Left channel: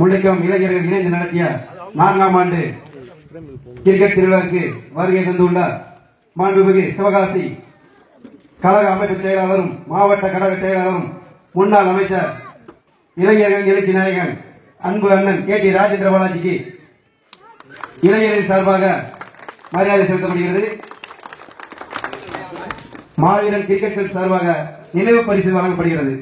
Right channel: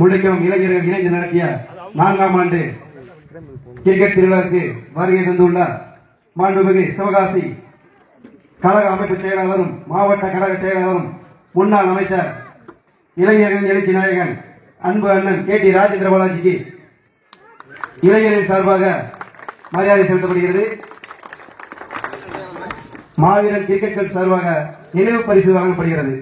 முல்லைக்கும் இளைஞர்கள் இணைந்து நடத்திய 4ஆம் ஆண்டு கிரிக்கெட் திருவிழாவுக்கு வருகை தந்துள்ளார். மாண்புமிகு சிவகாசி கழக அமைப்பு செயலாளரும் மாவட்ட கழக செயலாளரும் முன்னாள் அமைச்சர் இளைஞர்கள் எழுச்சி நாயகன் அன்பு அண்ணன் KT ராஜேந்திர பாலாஜிக்கு இளைஞரின் சார்பாக மரியாதை செலுத்தப்படுகிறது. மாவீரன் கிரிக்கெட் சார்பாக நினைவு பரிசு வழங்கப்படுகிறது.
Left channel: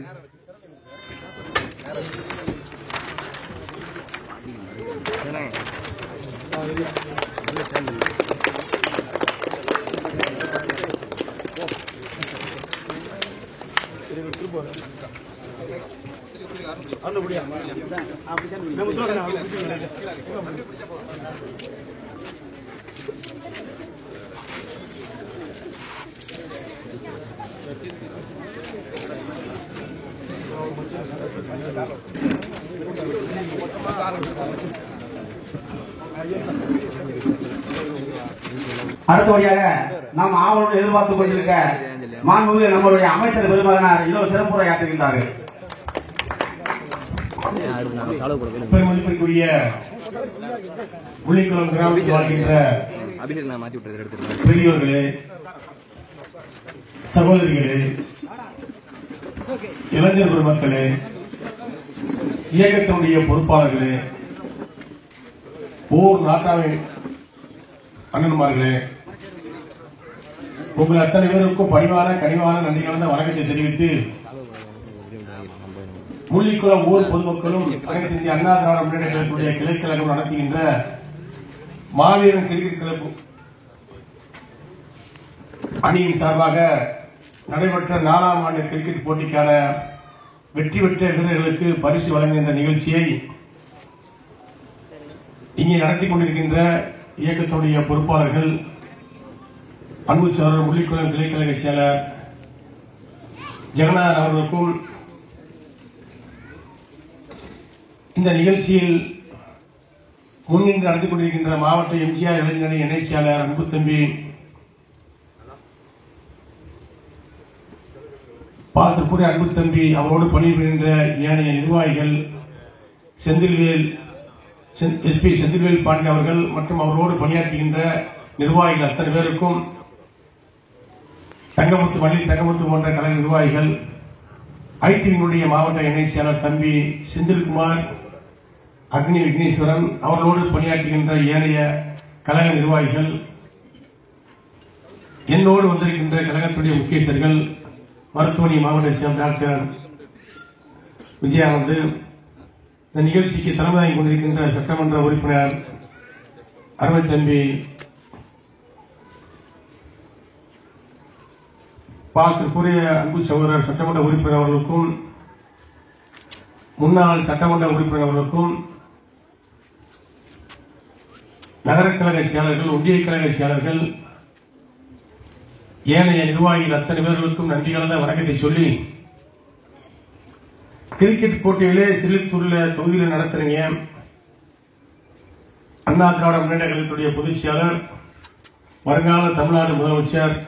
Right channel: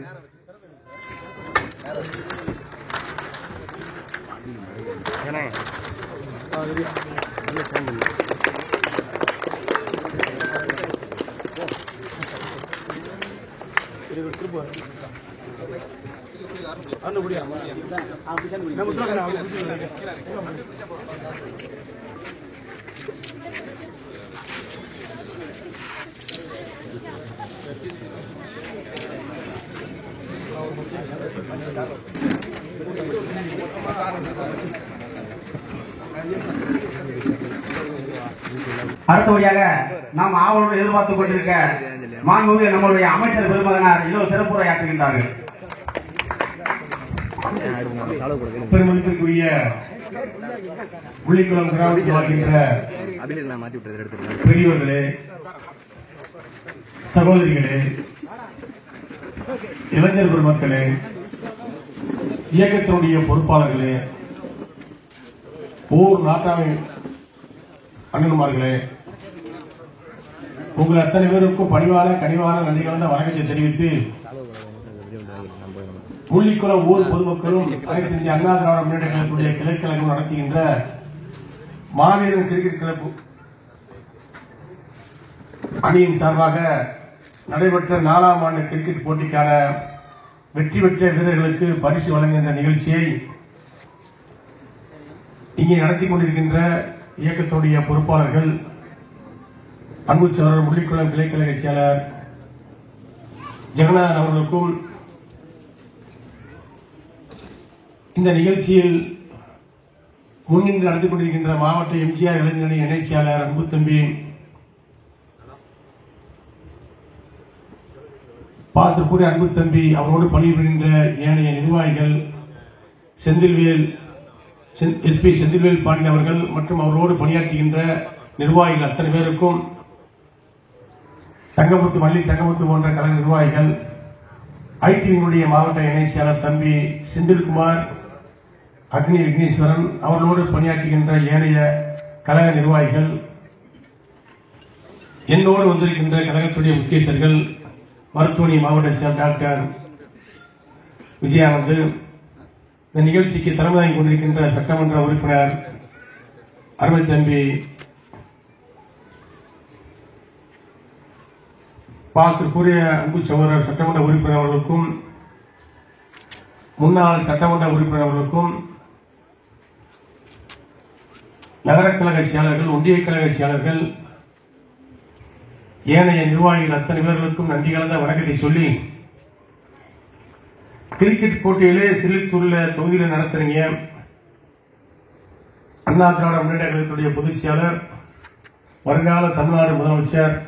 அடுத்தபடியாக நாம் ஆவலுடன் எதிர்பார்த்துக் கொண்டிருக்க மாண்புமிகு நம்முடைய அமைச்சர் பெருமகனார் இதோ சிறப்புரையாற்றுகின்றார்கள். பெருமதிப்பிற்குரிய முள்ளிக்குளம் கிராமத்தில் வாழ்கின்ற பெரியோர்களே, சகோதரிகளே, இளைஞர் பெருமக்களே, இயக்கத்தினுடைய பொறுப்பாளர்களே, ஊர் நாட்டாமை அண்ணன்மார்களே, உங்கள் அத்தனை பேருக்கும் பணிவான கனிவான நன்றி கலந்த வணக்கத்தை தெரிவித்து முள்ளிக்குளம் ஊர் பொதுமக்களும் அனைத்து இந்திய அண்ணா திராவிட முன்னேற்ற கழகத்துடைய கிளைக்கழகம் நடத்துகின்ற மாவீரன் கிரிக்கெட் கிளப் அணியின் சார்பாக நடைபெற்ற 4ஆம் ஆண்டு கிரிக்கெட் போட்டிக்கான வெற்றி பெற்ற வீரர்களுக்கு பரிசு வழங்குகின்ற நிகழ்ச்சியை இங்கே நடத்தி கொண்டிருக்கின்ற இயக்கத்துடைய பொறுப்பாளர்கள் அன்பு சோழர் முள்ளிக்குளம் கிளைக்கழக செயலர் ஜெகநாதன் அவர்களுக்கும் இந்த நிகழ்ச்சியில் முன்னின்று நடந்து கொண்டிருக்கின்ற மாவட்ட எம்ஜிஆர் இளைஞரணி இணை செயலாளர் அன்பு தம்பி பார்த்துக்கூடிய அன்பு தம்பி அவரோடு பணிபுரிகின்ற ஏனைய நிர்வாகிகள் எஸ்பி செந்தில்வேல் பாண்டி அவர்கள் மற்றும் அவரோடு பணியாற்றுகின்ற நிர்வாகிகள் அத்தனை பேருக்கும் தங்கமுத்து போன்ற கழக நிர்வாகிகள் ஐடியினுடைய மாவட்ட இணை செயலர் தம்பி செந்தில்குமார் அக்னி விக்னேஸ்வரன் அவர்களோடு பணியாற்றுகின்ற ஏனைய கழக நிர்வாகிகள் என்னோடு வந்திருக்கின்ற கழகத்துடைய முக்கியஸ்தர்கள் மருத்துவமனை மாவட்ட செயலர் டாக்டர் விஜயானந்த், இந்த நிகழ்ச்சிக்கு தலைமை தாங்கி கொண்டிருக்கின்ற சட்டமன்ற உறுப்பினர் அருமை தம்பி பார்க்கக்கூடிய அன்பு சகோதரர் சட்டமன்ற உறுப்பினர் அவர்களுக்கும் முன்னாள் சட்டமன்ற உறுப்பினர் அவர்களுக்கும் நகர கழக செயலர்கள், ஒன்றிய கழக செயலர்கள், ஏனைய நிர்வாகிகள் அத்தனை பேர்களுக்கும் நன்றி கலந்த வணக்கத்தை சொல்லி, கிரிக்கெட் போட்டியிலே சிலித்தூரில் தொகுதியில் நடத்துறீங்க. அண்ணா திராவிட முன்னேற்ற கழகத்துடைய பொதுச் செயலர், வருங்கால தமிழ்நாடு முதலமைச்சர்,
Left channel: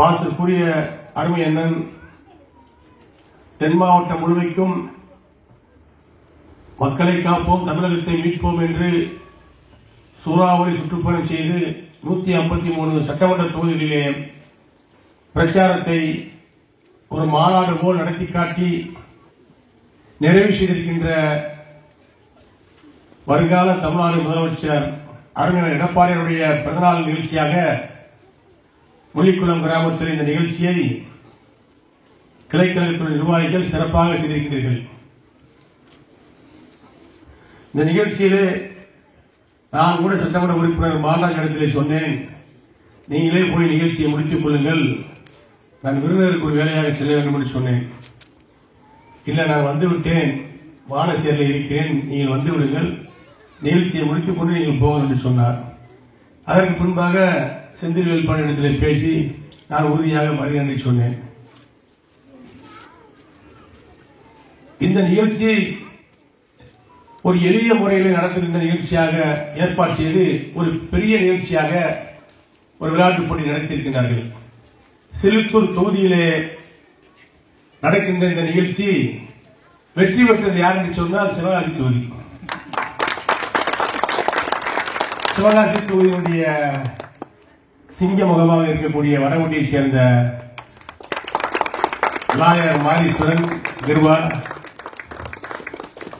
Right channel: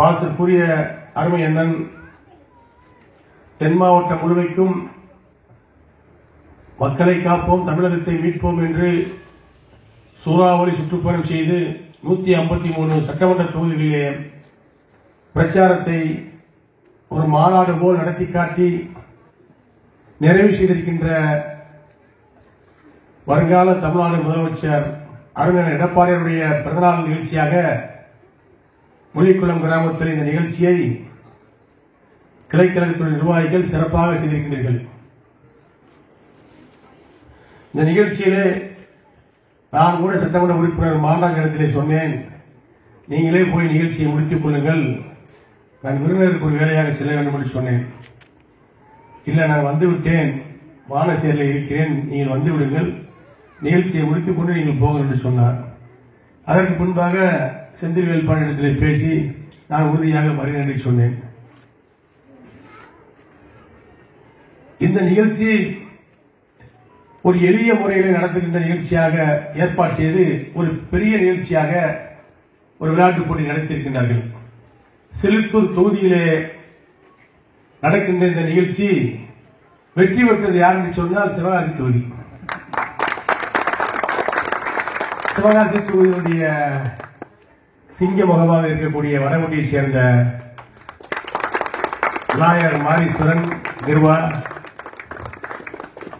பார்த்துக்கூடிய அருமை அண்ணன், தென் மாவட்டம் முழுமைக்கும் மக்களை காப்போம், தமிழகத்தை மீட்போம் என்று சூறாவளி சுற்றுப்பயணம் செய்து 153 சட்டமன்ற தொகுதிகளிலே பிரச்சாரத்தை ஒரு மாநாடு போல் நடத்தி காட்டி நிறைவு செய்திருக்கின்ற வருங்கால தமிழ்நாடு முதலமைச்சர் அறிஞர் எடப்பாடியுடைய பிறந்தநாள் நிகழ்ச்சியாக முள்ளிக்குளம் கிராமத்தில் இந்த நிகழ்ச்சியை கிளைக்கழகத்துறை நிர்வாகிகள் சிறப்பாக செய்திருக்கிறீர்கள். இந்த நிகழ்ச்சியிலே நான் கூட சட்டமன்ற உறுப்பினர் மாநாடு இடத்திலே சொன்னேன், நீங்களே போய் நிகழ்ச்சியை முடித்துக் கொள்ளுங்கள், நான் விருந்தினருக்கு ஒரு வேலையாக செல்ல வேண்டும் என்று சொன்னேன். இல்லை, நான் வந்துவிட்டேன், வானசேரில் இருக்கிறேன், நீங்கள் வந்து விடுங்கள், நிகழ்ச்சியை முடித்துக் கொண்டு நீங்கள் போங்கள் என்று சொன்னார். அதற்கு முன்பாக செந்தில்வேல் பாண்டியிடத்திலே பேசி நான் உறுதியாக வருகிறேன் என்று சொன்னேன். இந்த நிகழ்ச்சி ஒரு எளிய முறையில் நடத்துகின்ற நிகழ்ச்சியாக ஏற்பாடு செய்து ஒரு பெரிய நிகழ்ச்சியாக ஒரு விளையாட்டுப் போட்டி நடத்தியிருக்கின்றார்கள். சிலித்தூர் தொகுதியிலே நடக்கின்ற இந்த நிகழ்ச்சி வெற்றி பெற்றது யாருன்னு சொன்னால் சிவகாசி தொகுதி. சிவகாசி தொகுதியுடைய சிங்க முகமாக இருக்கக்கூடிய வடகுடியை சேர்ந்த விநாயகர் மாரீஸ்வரன் கிருவா,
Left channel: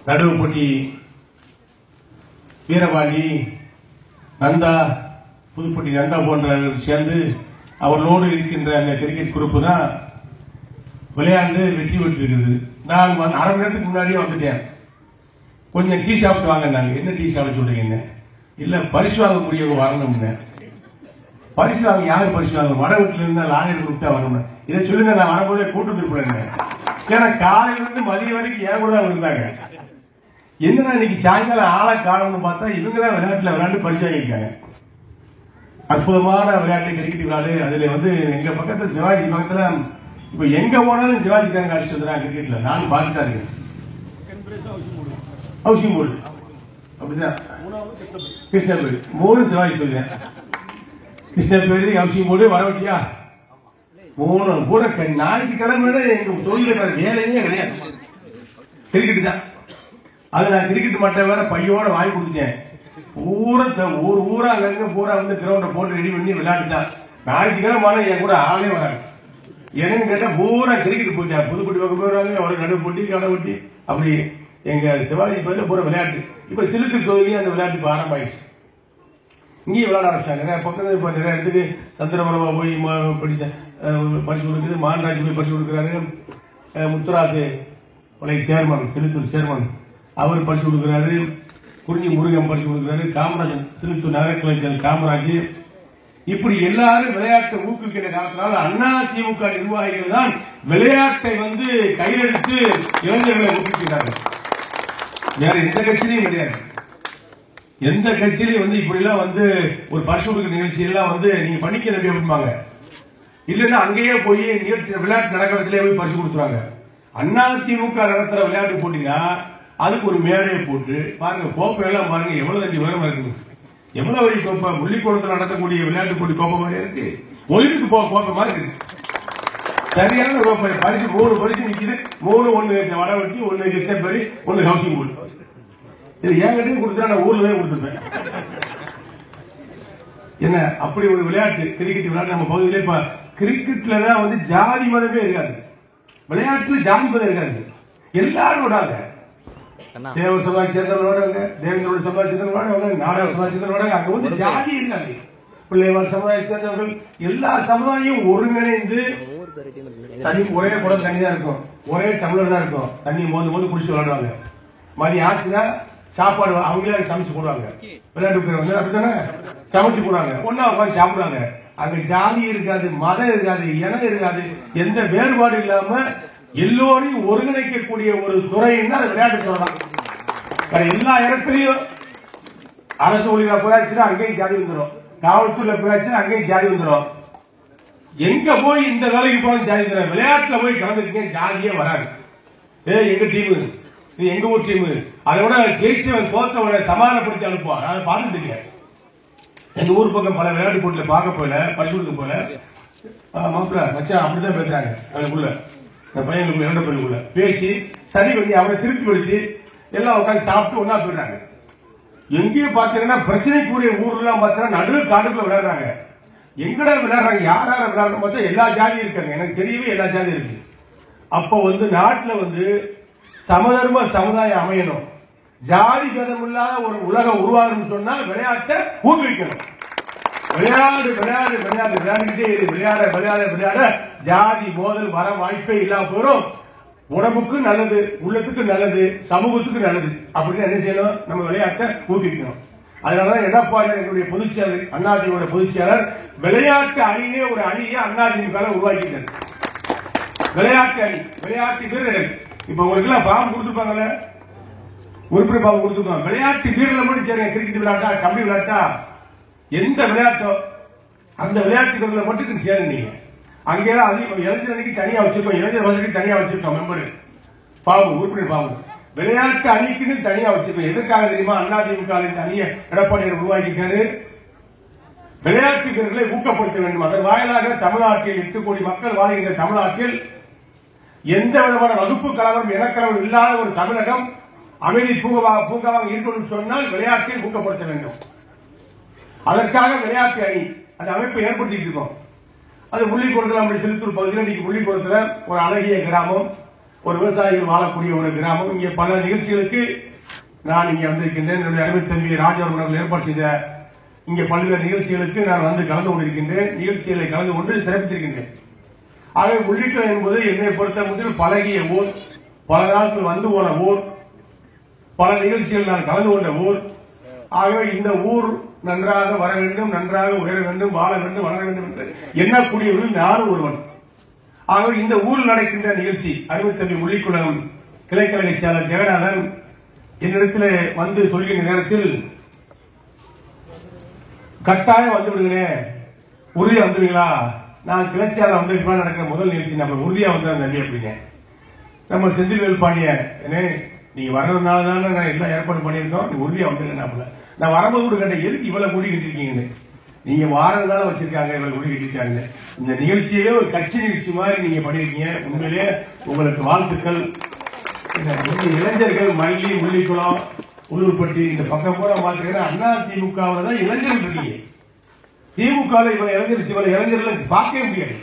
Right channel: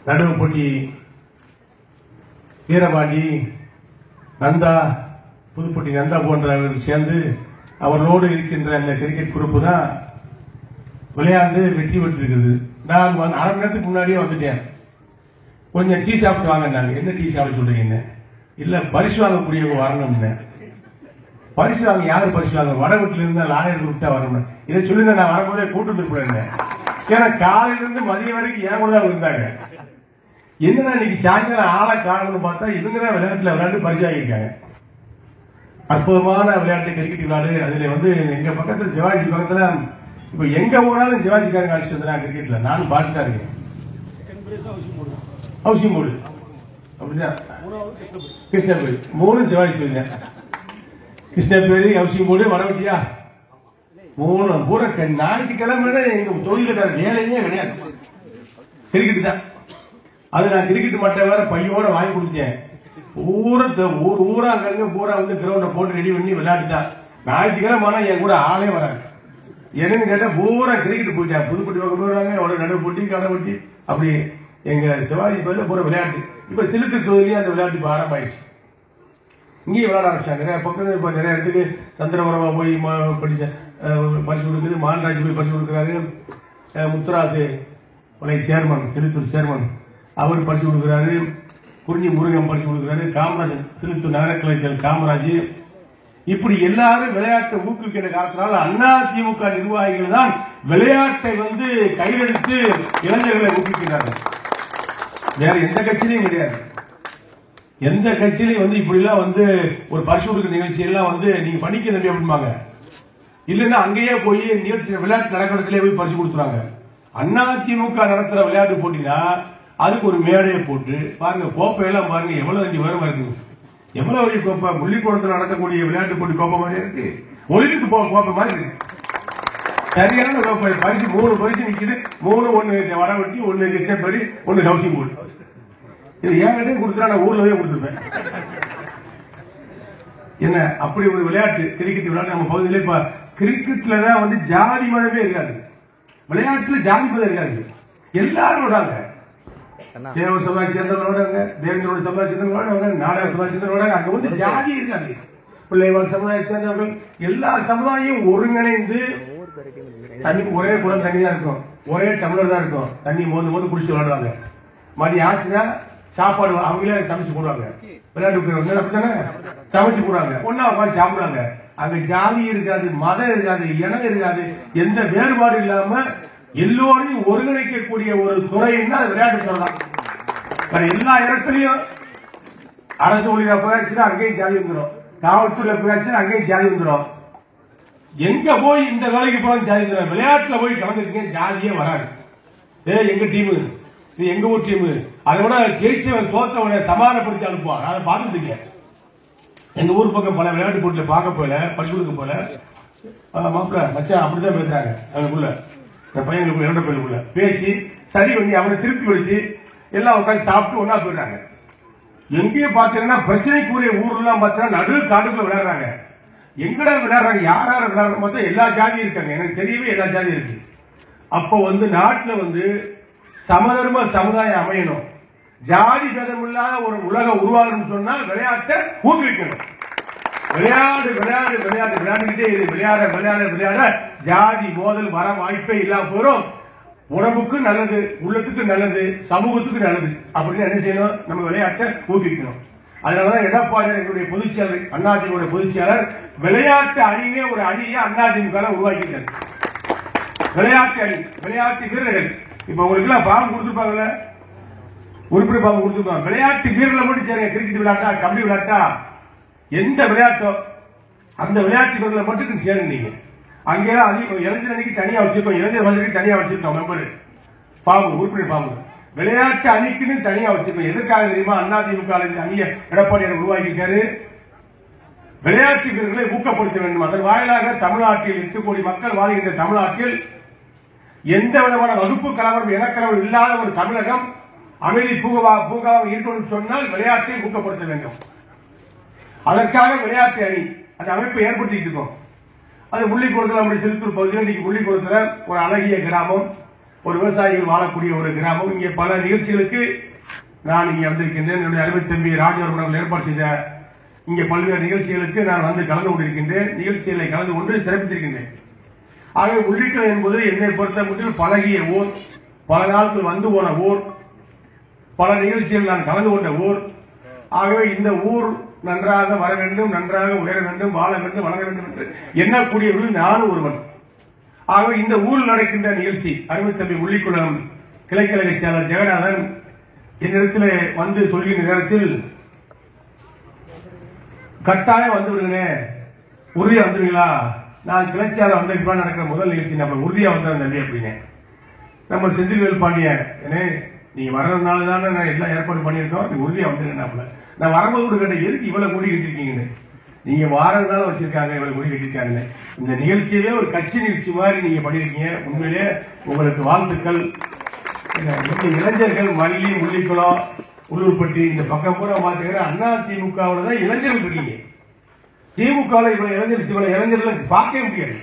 நடுவுப்பட்டி வீரபாண்டி, நந்தா, புதுப்பட்டி நந்தா போன்றவர்கள் சேர்ந்து அவர்களோடு இருக்கின்ற அந்த கிரிக்கெட் குரூப் தான் விளையாண்டு வெற்றி பெற்றிருக்கிறது. நான் அரை மணி நேரத்துக்கு முன்னாடியே வந்துட்டேன். கொஞ்சம் டீ சாப்பிட்டு வாங்க. நாங்க என்ன டீ சாப்பிட சொல்றீங்க? இல்ல பரிசு வாங்கக்கூடிய வரணும்னு. பரிசு வாங்க யாரு பரிசு வாங்க? வட வீட்டுல இருந்தா லாயர் கொடுத்தா வரணும். இதை சொல்லுங்க, நான் வரும்போதே கூட்டு இருப்பேன். ஏன்னா காலையில இருந்து மதியம் வரைக்கும் ஏன் கூட தான் இருந்தாங்க. என்னதான் இன்னைக்கு சாயங்காலம் ஆள காலம்னு பார்த்தா இவங்கதான் விளையாட்டுல விளையாண்டு பரிசு வாங்கியிருக்காங்க. அற்புதமான விளையாட்டு கிரிக்கெட் விளையாடு. அதுல எங்க பக்கத்துல சிவாஜி பக்கத்துல இப்ப எங்க போனாலும் சிவாஜிக்காரங்க அடிச்சு கிரிக்கெட்ல நானும் பார்த்துட்டா இருக்கேன். ஹவுசிங் போர்டு அப்படிதான் கிருஷ்ணபேரி 3 சிவாஜி சொல்லுங்க. கிருஷ்ணபேரி ஹவுசிங் போர்டு வரவட்டியா 3 கூட நாளைக்கு கிழமை எங்க தொழில வேலையே கிடையாது. கிரிக்கெட் தான். அது நான் கிரிக்கெட் மட்டை வேற பையோட வாங்கி கொடுத்தேன். ஊரா பூரா கிரௌண்ட போட்டு ரெடி பண்ணி விளையாடுட்டா. ஞாயிற்றுக்கிழமை என் கூட ஆளே வராங்க. எனக்கு கேட்டா பூரா கிரிக்கெட் போயிட்டா. புதுப்பட்டி பக்கம் போடுவாங்க, அவரோட நடுவு போட்டி கடை போட்டி அப்படி எங்க சிவாஜி பதில போற விளையாட்டு. இப்ப சிலுக்கு தொகுதியில அந்த விளையாட்டு ஆரம்பமாயிடுச்சு. இங்கேயும் விளையாட ஆரம்பிச்சாங்க. பக்கத்துல இப்ப நிறைய இடத்துக்கு சந்திரபுரமா போய் பரிசு கொடுக்குது. மான்ராஜ் போய் பரிசு கொடுக்குறாரு. முத்துராசு சேர்மன், சிலுத்தூர் சேர்மன், அவர் பரிசு கொடுக்குறாரு. குறிஞ்சி முருகன் பரிசு கொடுக்குறாரு. காமராஜ், சிலுத்தூர் நகர கலைஞர் காமராஜ். இப்படி எல்லாரும் விளையாட்டை ஊக்குவிக்கிற காலத்தினால அதிமுக நிர்வாகிகள் தான் விளையாட்டை கையெழுத்து இளைஞர்களை ஊக்குவிக்கிறார்கள். வேற எந்த கட்சியிலையும் கிடையாது. எந்த கட்சியிலையும் இப்படி எல்லாம் ஒரு பரிசு கொடுக்கிற நிகழ்ச்சி எல்லாம் நீங்க பண்ணிக்கிறது அப்படிம்பாங்க. இல்லைன்னா அங்கேயே போய் நிகழ்ச்சி விளையாட்டு நடக்கிறதுலேயே போய் பரிசு கொடுக்குறாங்க. அதிமுக நடத்துற விளையாட்டு போட்டினா அதுக்கு ஒரு மேடையை போட்டு பாருங்க, கோப்பையெல்லாம் பாருங்க எவ்வளவு அடி உயரமா இருக்குது. எவ்வளவு வழி கோப்பை முள்ளிக்கூடத்தில் நடத்தக்கூடிய விளையாட்டு போட்டி கோப்பை மாதிரி இருக்கு. ஒலிம்பிக்கு கோப்பை மாதிரி இருக்கு. சரியான கோப்பை பரிசு 3 பரிசு நிற்குது. 3 1 வடவட்டி, 1 கிருஷ்ணபேரி, 1 ஹவுசிங் போர்டு. இது என்கிட்ட கொடுத்தா நான் ஊர்ல போய் கொடுத்துருப்பேன். என்ன அப்படி ஒரு விளையாட்டு கிரிக்கெட் விளையாட்டு நம்ம பகுதியில. இப்ப கிரிக்கெட்ல தான் ஜாதி மதமே இருக்காது. விளையாட்டுல ஜாதி மதம் இருக்காது. எல்லாரும் விடாங்க. தேவர் சமாஜ் சேர்ந்தவரோட, தேவேந்திரோட சமாஜ் சேர்ந்தவரோட, நாடக சமாஜ் சேர்ந்தவரோட, அங்க ஜாதி இருக்காது. பிள்ளைவாள் சமுதாயம் சேர்ந்தவர்கள் எல்லா சமுதாயம் ஒருங்கிணைந்து தண்ணிக்கு ஒரே குளம் தண்ணி தான் இருக்கும், ஒரே டம்ளர் தான் இருக்கும். தண்ணி மோந்து குடிச்சு விளையாடுவாங்க. மதியம் ஆச்சுன்னா சாப்பாடு அவங்களே சமைச்சு போடுவாங்க. விளையாட்டு சமைச்சு போடுவாங்க. ஒன்னா உட்காந்து சாப்பிடுவாங்க. அங்க ஜாதி இருக்காது, மதம் இருக்காது, இனம் இருக்காது. எந்த வேறுபாடு இல்லாம எல்லோரையும் ஒருங்கிணைக்கக்கூடிய ஒரு துறைன்னு தான் விளையாட்டு சொல்லலாம். எல்லா இடத்துலயும் அரசு ஊழியர் அப்பதாச்சுன்னா அங்கேயும் ஜாதி வந்துடும், காவல்துறை அப்பதாச்சுன்னா அங்கேயும் ஜாதி வந்துடும். எங்க போய் இந்த வேலைக்கு போய் ஜாதி வந்துடும். விளையாட்டுல போய் கலந்துருக்கேன் ஜாதியே வராது. எங்க டீமு, இது எங்க ஊர் டீமு, அதை விட ஜெயிச்சவன் தோத்தவனை சமாதானப்படுத்தி அனுப்புவாங்க. அதை பார்த்துட்டு எங்க ஊர் பக்கம் பல விளையாட்டு போட்டியில பார்க்க போல பரிசுக்கு போல மச்சான் அப்படிதான் பேசுறாங்க. அதுக்குள்ள பையனுக்குள்ள 2 பையனுக்குள்ள பேசி சரி பண்ணி அவனை திருப்தி படுத்தி எல்லாம் உட்காந்து சாப்பிட்டு ஒன்னா போயிட்டாங்க. எங்கேயும் பாத்தீங்கன்னா பிரச்சனைக்குரிய ஊர்லாம் பார்த்தா நடு காடுக்கு விளையாடுறாங்க. எங்கடா விளையாடுறாங்க, யார் யார் விளையாடுற மொத்தம் எல்லா ஜாதியும் இருக்காங்க. எனக்கு தெரியவே எல்லா ஜாதியும் இருக்கு. அப்ப நாட்டுல சமதர்ம சமுதாயம் அமையணும், ஜாதி பேதம் இல்லாத ஒரு உலகம் உருவாகணும்னு சொன்னா விளையாட்டை ஊக்குவிக்கணும். விளையாடு விளையாடு விளையாடு விளையாடிக்கிட்டே இரு. விளையாட விளையாட விளையாட ஜாதி மோதல் வர வாய்ப்பே இல்லாம போறோம். உடம்புக்கு நல்லது, உள்ளத்துக்கு நல்லது, சமூகத்துக்கு நல்லது. அப்படின்னு என்ன செய்யணும், நம்ம விளையாட்டை ஊக்குவிக்கணும். அதனாலதான் எடப்பாடி என்னுடைய பொதுச்செயலர், அதிமுக பொதுச்செயலர் விளையாட்டு அணியே ஒரு அணியை அதிமுக உருவாக்கிட்டார். விளையாட்டு அணி, விளையாட்டு வீரர்கள். இப்ப உங்களுக்கு எல்லாம் பாம்பு கொடுத்துருப்பாங்கல்ல, உறுப்பினர் பாம்பு கொடுத்துருப்பாங்க. விளையாட்டு வீரர்களை மட்டும் சரி, கிரிக்கெட் விளையாட்டா, கபடி விளையாட்டா, எந்த விளையாட்டோ அந்த விளையாட்டு வீரர்களை மட்டும் சேருங்க. அங்கேதான் இளைஞர் அணிக்கு தனியா வச்சிருக்கோம், இளைஞர் அணிக்கு தனியா வச்சிருக்கோம். மெம்பர் பாம்பு, உறுப்பினர் பாம்பு. விளையாட்டு அணிக்குன்னு தனியா வச்சிருக்கோம். எதற்காக தெரியுமா? அதிமுக அணியை எடப்பாடியார் உருவாக்கிட்டாரு. விளையாட்டு வீரர்களை ஊக்கப்படுத்த வேண்டும். அதன் வாயிலாக தமிழ்நாட்டில் 8 கோடி மக்கள் வாழ்கின்ற தமிழ்நாட்டில் எந்த விதமான வகுப்பு கலவரம் இனக்கலவரம் இல்லாத ஒரு தமிழகம் அமைதி பூங்காவாக இருக்கணும்னு சொன்னால் விளையாட்டை ஊக்கப்படுத்த வேண்டும். அதற்காக விளையாட்டு அணி அந்த அமைப்பை ஏற்படுத்திட்டு இருக்கோம். அது முள்ளிக்குளத்தில் நம்முடைய சிறுத்தூர் பகுதியில் இன்னைக்கு முள்ளிக்குளத்தில் ஒரு அழகிய கிராமம், ஒரு விவசாயிகள் வாழக்கூடிய ஒரு கிராமம். இங்கே பல நிகழ்ச்சிகளுக்கு நான் இங்கே வந்திருக்கின்றேன். என்னுடைய அருமை தம்பி ராஜவர்மன் அவர்கள் ஏற்பாடு செய்த இங்கே பல்வேறு நிகழ்ச்சிகளுக்கு நான் வந்து கலந்து கொண்டிருக்கின்றேன். நிகழ்ச்சிகளை கலந்து கொண்டு சிறப்பித்திருக்கின்றேன். ஆகவே முள்ளிக்குளம் என்பது என்னை பொறுத்தவரையில் பழகிய ஊர், பல நாட்கள் வந்து போன ஊர், பல நிகழ்ச்சிகள் நான் கலந்து கொண்ட ஊர். ஆகவே இந்த ஊர் நன்றாக வர வேண்டும், நன்றாக உயர வேண்டும், வாழ வேண்டும், வளர வேண்டும் என்று எண்ணக்கூடியவர்கள் நானும் ஒருவன். ஆகவே இந்த ஊரில் நடக்கின்ற நிகழ்ச்சி அருமை தம்பி முள்ளிக்குளம் கிளைக்கழக செயலர் ஜெகநாதன் என்னிடத்தில் வந்து சொல்கின்ற நேரத்தில் கட்டாயம் வந்து விடுங்க, உறுதியா வந்துடுவீங்களா, நான் கிளைச்சாளர் வந்திருக்கலாம் நடக்கிற முதல் நிகழ்ச்சி நம்ம உறுதியா வந்தார் நன்றி அப்படிங்க. நம்ம செந்தில்வேல் பாண்டியன் நீங்க வர்றதுனால தானே நான் எல்லாம் ஏற்பாடு பண்ணியிருக்கோம், நீ உறுதியா வந்துருக்கேன். நான் வரும்போது கேட்டேன் எதுக்கு இவ்வளவு கூடி கட்டிருக்கீங்கன்னு. நீங்க வாரதுனால வச்சிருக்காங்க இவ்வளவு கூடி கட்டிருக்காங்க. இந்த நிகழ்ச்சியிலே ஒரு கட்சி நிகழ்ச்சி மாதிரி நீங்க பண்ணிருக்கீங்க. உண்மையிலே உங்களுக்கு வாழ்த்துக்கள். இளைஞர்கள் மல்லி, முள்ளிக்குளம், உள்ளூர்பட்டி இந்த பக்கம் பூரா பாத்துக்கிற அண்ணா திமுகவில் தான் இளைஞர்கள் இருக்கீங்க. திமுக இவ்வளவு இளைஞர்கள் பார்க்கவே முடியாது.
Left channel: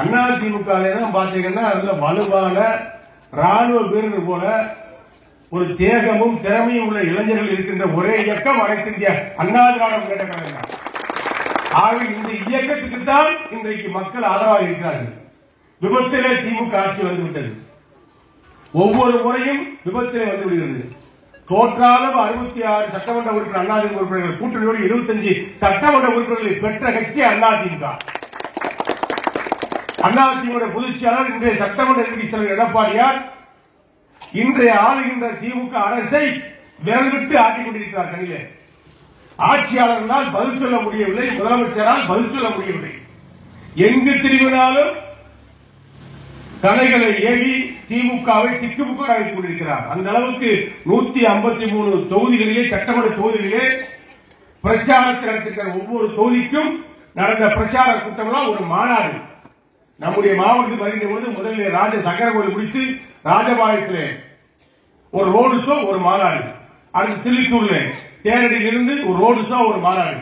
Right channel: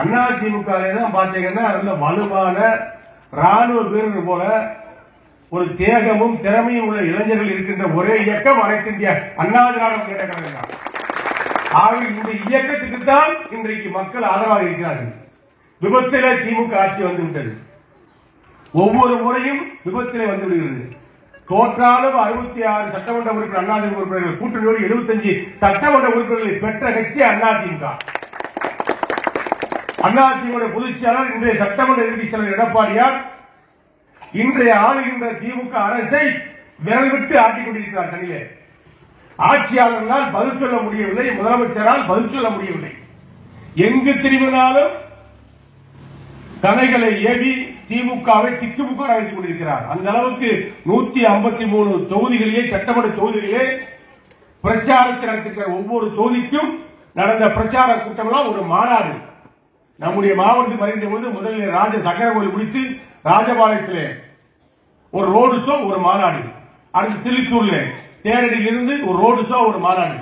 அண்ணா திமுக தான் பாத்தீங்கன்னா அதுல வலுவான ராணுவ வீரர்கள் போல ஒரு தேகமும் திறமையும் உள்ள இளைஞர்கள் இருக்கின்ற ஒரே இயக்கம் அனைத்து இந்திய அண்ணா திராவிட முன்னேற்ற கழகம். ஆக இந்த இயக்கத்துக்கு தான் இன்றைக்கு மக்கள் ஆதரவாக இருக்கிறார்கள். விபத்திலே திமுக ஆட்சி வந்துவிட்டது. ஒவ்வொரு முறையும் விபத்திலே வந்து விடுகிறது. தோற்றாலும் 66 சட்டமன்ற உறுப்பினர் அதிமுக உறுப்பினர்கள் கூட்டணியோடு 75 சட்டமன்ற உறுப்பினர்களை பெற்ற கட்சி அதிமுக. அதிமுக பொதுச் செயலாளர் இன்றைய சட்டமன்ற எதிர்க்கட்சித் தலைவர் எடப்பாடியார் இன்றைய ஆளுகின்ற திமுக அரசை விரல் விட்டு ஆட்டிக் கொண்டிருக்கிறார். கண்ணிலே ஆட்சியாளர்களால் பதில் சொல்ல முடியவில்லை, முதலமைச்சரால் பதில் சொல்ல முடியவில்லை. எங்கு திரும்பினாலும் தலைகளை ஏவி திமுகவை திக்குமுக அழைத்துக் கொண்டிருக்கிறார். அந்த அளவுக்கு 153 தொகுதிகளிலே சட்டமன்ற தொகுதிகளிலே பிரச்சாரத்தை நடத்திருக்கிற ஒவ்வொரு தொகுதிக்கும் நடந்த பிரச்சார கூட்டங்களால் ஒரு மாநாடு நம்முடைய மாவட்டத்தில் வருகின்ற போது முதலில் ராஜ சக்கரகோவில் முடித்து ராஜபாளையத்திலே ஒரு ரோடு ஷோ, ஒரு மாநாடு. அடுத்து சில்லித்தூர்ல தேரடியில் இருந்து ஒரு ரோடு ஷோ, ஒரு மாநாடு.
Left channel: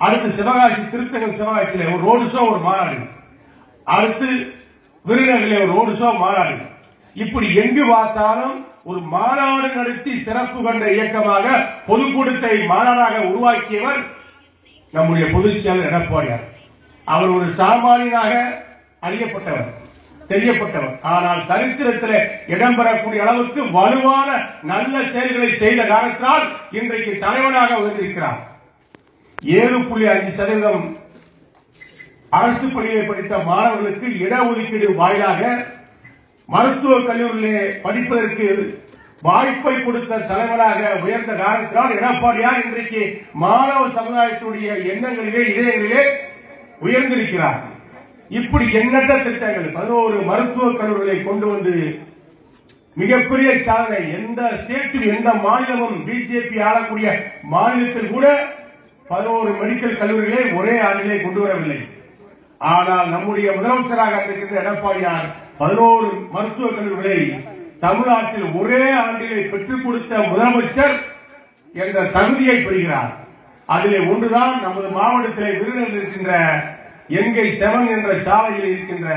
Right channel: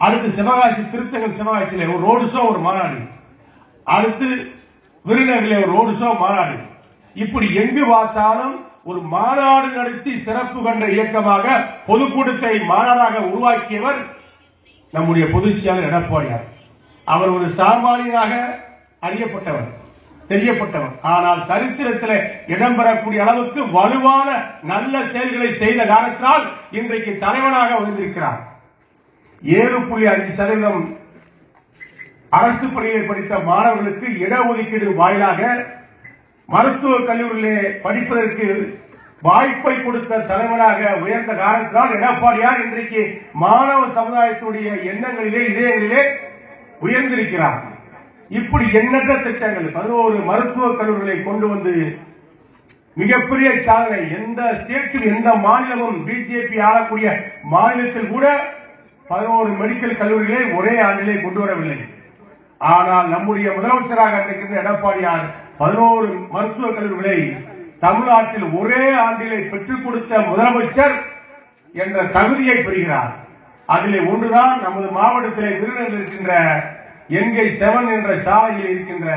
அடுத்து சிவகாசி திருத்தங்கல் சிவகாசியில ஒரு ரோடு ஷோ, ஒரு மாநாடு. அடுத்து விருதுநகரில் ஒரு ரோடு ஷோ, மாநாடு. இப்படி எங்கு பார்த்தாலும் ஒரு மாநாடு நடத்தி சிறப்பு கண்ட இயக்கமாக பொதுக்கூட்டத்தை மாநாடாக உருவாக்கியவர் நம்முடைய பொதுச் செயலாளர் எடப்பாடியார். அவர் ஒரு சாமானியனாக அறியப்பட்டவர், தெரியப்பட்டவர். ஆனால் சரித்திரத்தில் இடம்பெறக்கூடிய அளவுக்கு வலுவான நல்ல செயல்களை செய்த காரணத்தால் இன்றைக்கு தலைவனாக உயர்ந்திருக்கிறார். 7.5% அரசு பள்ளியை படித்த மாணவர்களுக்கு இடஒதுக்கீடு வாயிலாக மருத்துவக் கல்லூரியிலே படிப்பதற்கு வாய்ப்பை கொடுத்த தலைவராக உயர்ந்த காரணத்தால் எடப்பாடியார் இன்றைக்கு மாணவ சமுதாயத்துடைய எண்ணங்களிலே இதயங்களிலே உயர்ந்திருக்கிறார். இப்படி எண்ணற்ற திட்டங்கள் 11 மருத்துவக் கல்லூரிகளை கொண்டு வந்து மிகப்பெரிய சாதனை. எந்த ஸ்டேட்டில் எந்த மாநிலமும் பிஜேபி ஆளக்கூடிய மாநிலத்தில் கூட 11 மெடிக்கல் கல்லூரிகளை ஒரே ஆண்டிலே கொண்டு வரவில்லை. ஆனால் நம்முடைய முதலமைச்சராக இருக்கின்ற எடப்பாடியார் 11 மருத்துவக் கல்லூரிகளை தமிழ்நாட்டில் ஒரே ஆண்டிலே பெற்றுக் கொடுத்த முதலமைச்சர் என்ற தகுதியை பெறுகிறார். அதிலே ஒன்றுதான் நமது மாவட்டத்திலே விருதுநகரில் இருக்கின்ற என்கை 7 என்ற சாலையில் இருக்கின்ற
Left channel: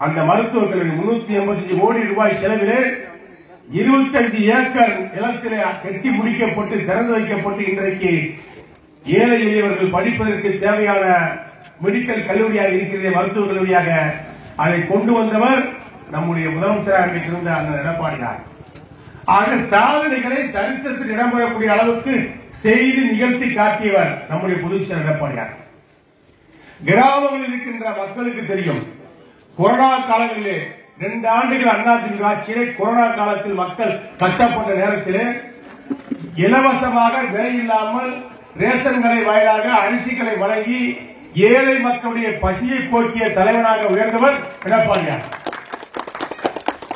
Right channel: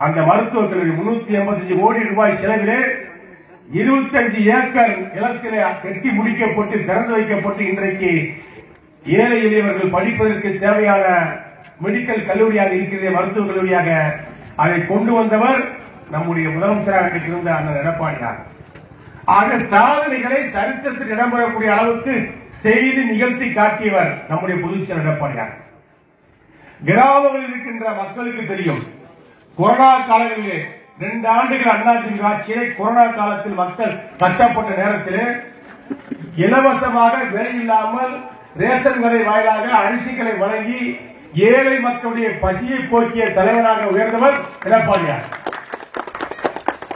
அந்த மருத்துவக் கல்லூரி 385 கோடி ரூபாய் செலவிலே 25 ஏக்கர் நிலத்திலே கட்டி முடிக்கப்பட்டு திறந்து வைக்கப்பட்டு இன்றைக்கு ஏழை எளியவர்கள் படிப்பதற்கு தேவையான மெடிக்கல் கல்லூரியாக இருக்கிற மருத்துவக் கல்லூரியாக அதை கொண்டு வந்தவர் நம்முடைய முதலமைச்சராக இருந்த அந்த எடப்பாடியார். ஆக சாதனைகளை சரித்திரத்தில் இடம்பெறக்கூடிய அளவுக்கு செய்து நிகழ்த்தி காட்டியவர் நம்முடைய பொதுச் செயலாளர் எடப்பாடியார். கிராமங்களில் இருக்கின்ற மக்களுக்கு தெரியும், கொரோனா காலங்களிலே 2 ஆண்டுகள் அதிமுக ஆட்சியிலே கொரோனா காலத்தில் மக்கள் கஷ்டப்பட்ட நேரத்திலே இலவசமாக வேலையில்லாமல் ரேஷன் கடை வாயிலாக அரிசிகளை வழங்கி ஏழை மக்களுடைய பசியை போக்கிய தலைவராக உயர்ந்தவர் எடப்பாடியார்.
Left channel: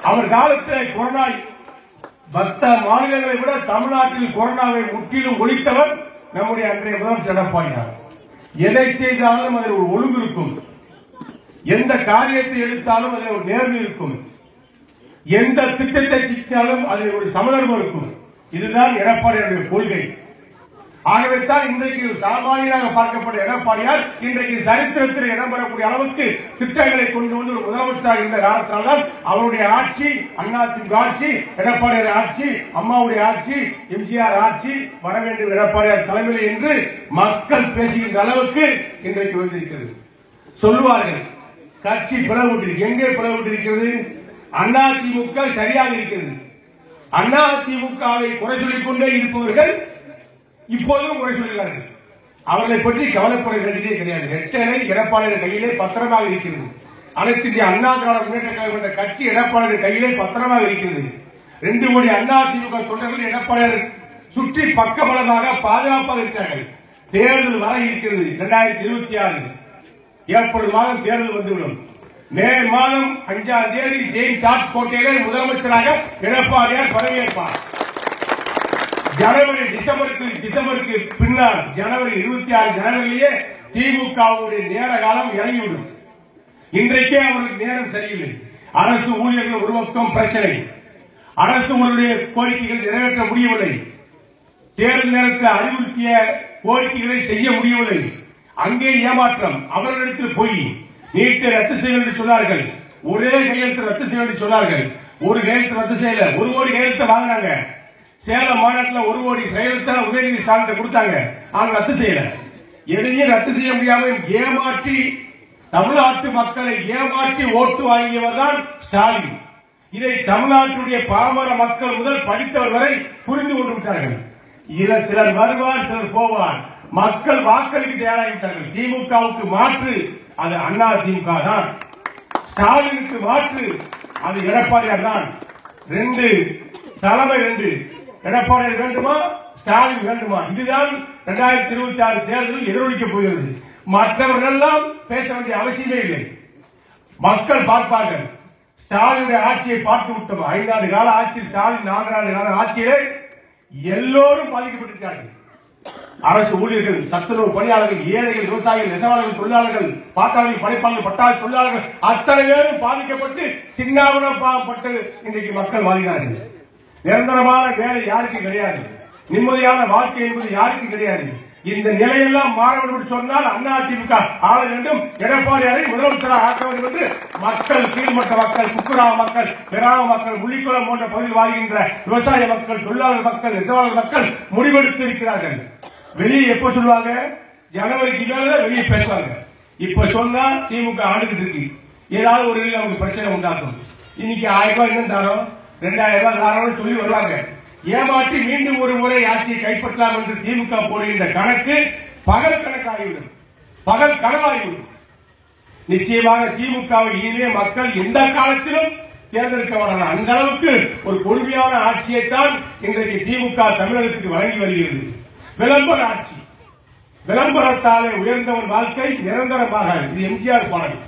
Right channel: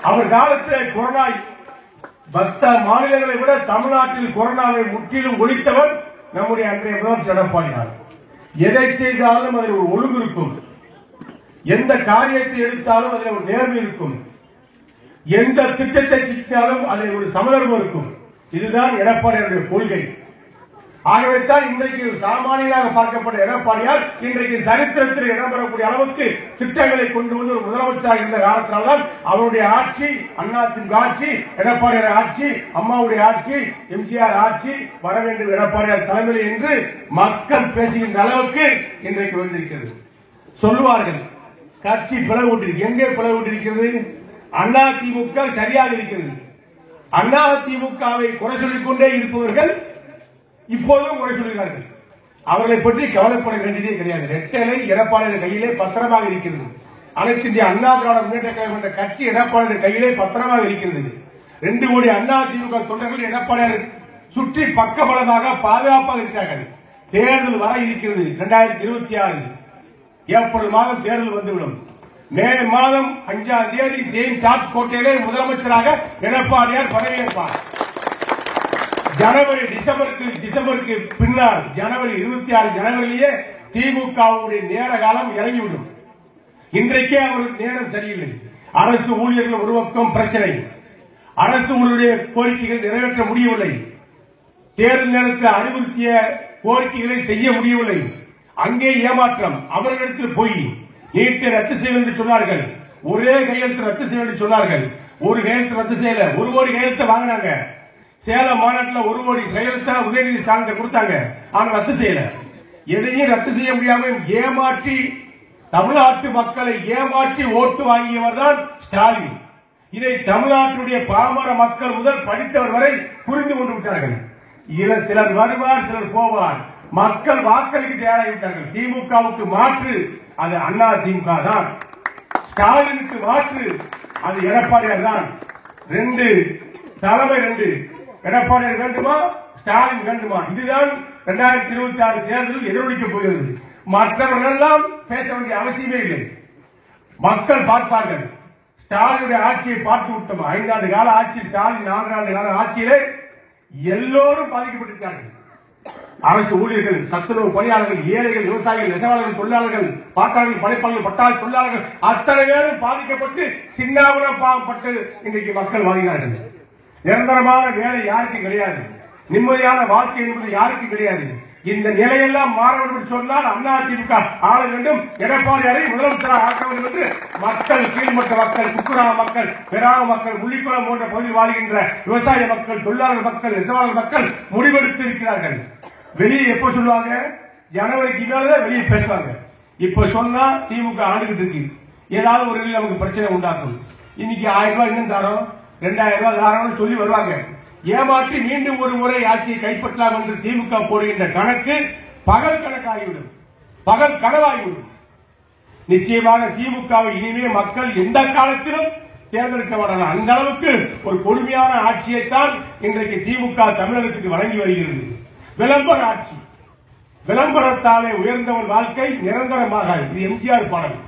அவர் காலத்தில் கொரோனா மற்ற மாநிலங்களை விட தமிழ்நாட்டில் கொரோனாவை முற்றிலும் ஒழித்தவர் நம்முடைய அன்றைய முதலமைச்சர் எடப்பாடியார். எதை செய்தாலும் அதில் ஒரு ஒழுங்கு இருக்கும். எந்த காரியத்தை எடுத்தாலும் அதில் ஒரு நேர்மை இருக்கும், எந்த திட்டத்தை திட்டாலும் அதில் ஒரு சமதர்மம் இருக்கும். இதுதான் எடப்பாடியாருடைய கொள்கை. ஆகவேதான் இன்றைக்கு சாமானியராக பார்க்கப்பட்ட எடப்பாடியார் இன்றைக்கு சரித்திரத்தில் இடம்பெறக்கூடிய அளவுக்கு திட்டங்களை கொண்டு வந்து ஒரு முதலமைச்சராக இருந்த காலத்தில்தான் அவருடைய ஆட்சி, அதிமுக ஆட்சி, எடப்பாடியார் ஆட்சி, அம்மாவுடைய ஆட்சி, எம்ஜிஆர் ஆட்சி வர வேண்டும் எடப்பாடியார் தலைமையில் என்று மக்கள் பேசுகின்ற அளவுக்கு இன்றைக்கு வந்திருக்கிறது. சொல்லுவார்கள் கட்சி பிளவுபட்டு, எங்கே பிளவுபட்டிருக்கிறது? அதிமுக சரியாக இருக்கிறது. அதிமுகவை குறை சொல்லிக் கொண்டே இருப்பவர்கள் இப்போதும் குறை சொல்கிறார்கள். அவர்களை பற்றி கவலைப்பட வேண்டியதே கிடையாது. ரெட்டலை எடப்பாடியார் கையிலே பத்திரமாக இருக்கிறது. அனைத்து இந்திய அண்ணா திராவிட முன்னேற்ற கழகம் என்ற கட்சி எடப்பாடியார் கையிலே பத்திரமாக இருக்கிறது. 2 கோடி அதிமுக தொண்டர்கள் எடப்பாடியார் சுற்றி பக்கபலமாக பாதுகாப்பாக இருக்கிறார்கள். தேர்தல் வர இருக்கிறது. 2026 ஏப்ரல் மாதம் தேர்தல் வந்துவிடும். மே மாதம் 5ஆம் தேதி ஜெயின் சார்ஜ் கோட்டையிலே முதலமைச்சராக எடப்பாடியார் பதவியேற்பார். டிசம்பருக்கு பின்னால் ஜனவரி 26 ஜனவரியிலேயே திமுகவுடைய நேர காலம் இறங்கிவிடும். இன்றைக்கே அவருக்கு நேரம் சரியில்லை. அரசு ஊழியர்கள் ஒரு பக்கம் பிரச்சனை, அரசு ஊழியருடைய கோரிக்கைகள் நிறைவேற்ற முடியவில்லை, தேர்தல் நேரத்தில் அறிவுறுத்திய கோரிக்கைகளை செய்ய முடியவில்லை, அங்கே ஏமாற்றம், அவர்களிடத்தில் போய் நீட்டை ரத்து செய்ய என்று சொன்னார்கள், ஒரே கையெழுத்து ரத்து செய்ய என்று சொன்னார்கள், ஒரு கையெழுத்து ரத்து செய்யல, 1 கோடி கையெழுத்து வாங்கினாங்க. சேலம் மாநாட்டில் 1 கோடி கையெழுத்த உதயநிதி ஸ்டாலின் கொடுத்தாங்க, ஆனால் ரத்து செய்யல. எதையும் ரத்து செய்ய முடியாமல் ஏமாற்றி தமிழ்நாட்டு மக்களை ஏமாற்றி ஓட்டு வாங்கியவர் தான் ஸ்டாலின். இதை தமிழ்நாட்டுடைய பாமர மக்கள் முதல் படித்தவர் வரை புரிந்து கொண்டிருக்கிறார்கள். சிலர் வருவார், சிலர் போவார். மக்கள் வாக்களிக்க தயாராகிவிட்டார்கள். திமுகவுக்கு மாற்று அது அண்ணா திமுக தான், ஸ்டாலினுக்கு மாற்று அது எடப்பாடியார் தான். 2 தலைமை 2 எடப்பாடியார் வேண்டுமா, ஸ்டாலின் வேண்டுமா? இதுதான் 2026 தேர்தலில் எதிரொலிக்கப் போகிறது. மற்றவர்கள் எல்லாம் பேச வேண்டிய அவசியமே இல்லை. மக்கள் பார்ப்பார்கள். ஸ்டாலினுடைய ஆட்சியை பார்த்து விட்டோம். 5 ஆண்டு கால ஆட்சி, ஸ்டாலின் 4 ஆண்டு கால ஆட்சியிலே எல்லோரும் பாதிக்கப்பட்டிருக்கிறார்கள். அரசு ஊழியர்கள், சத்துணவு பணியாளர்கள், ஏழைகள், விவசாயிகள், நெசவாளர்கள், தொழிலாளர்கள், பாட்டாளர்கள், படைப்பாளர்கள், பட்டாள தொழிலாளர்கள் அத்தனை பேரும் பாதிக்கப்பட்டு சின்னாபுரம் பாவப்பட்டு இன்றைக்கு மக்கள் வாழ்கிறார்கள். நிரந்தரமான வேலை யாருக்கு கிடையாது, நிம்மதியான வாழ்க்கை என்பது யாருக்கு கிடையாது. இந்த நிலையெல்லாம் மாற வேண்டும் என்று சொன்னால் அதிமுக ஆள வேண்டும், எடப்பாடியாரை முதலமைச்சராக ஆக்க வேண்டும் என்று மக்கள், கீழ்மட்ட மக்கள், குக்குரா மக்கள், பெராம மக்கள், முள்ளிக்குளம் போன்ற பகுதியில் வாழ்கின்ற விவசாய மக்கள், தொழிலாளர் மக்கள், நெசவாளர் மக்கள் முடிவெடுத்து இருக்கிறார்கள். வெளியே எப்ப சொல்லுவாங்க? ஜனவரிக்கு மேல வெளியே பேசுவாங்க. இப்ப சொன்னா திமுக ஆண்டுகிட்டு இருக்கு, ஏதாவது ஒரு நமக்கு பிரச்சனை உண்டாக்கும். இன்னைக்கு 1000 ரூபாய் இன்னும் தரோம், 2000 ரூபாய் தாரோம்னு சொல்லி வருவாங்க. ஏமாற்றி மீண்டும் ஒரு முறை ஆட்சியை கைப்பற்றலாம் என்று திமுக போடுகின்ற கணக்கு பகல் கணக்காகிவிடும், பகல் கனவாகிவிடும். நிச்சயமாக திமுகவை இனிமே மக்கள் எந்த காலத்திலும் தேர்ந்தெடுக்க வரலாம். அந்த அளவுக்கு ஒரு கொடுமையான ஆட்சியைத்தான் இன்றைக்கு திமுக தமிழகத்துக்கு வழங்கி வருகிறது. விளம்பர ஆட்சி, விளம்பரத்தாலே உயர்ந்தவர் வாழ்க்கை நிரந்தரமாக. இது எம்ஜிஆர் பாடல்.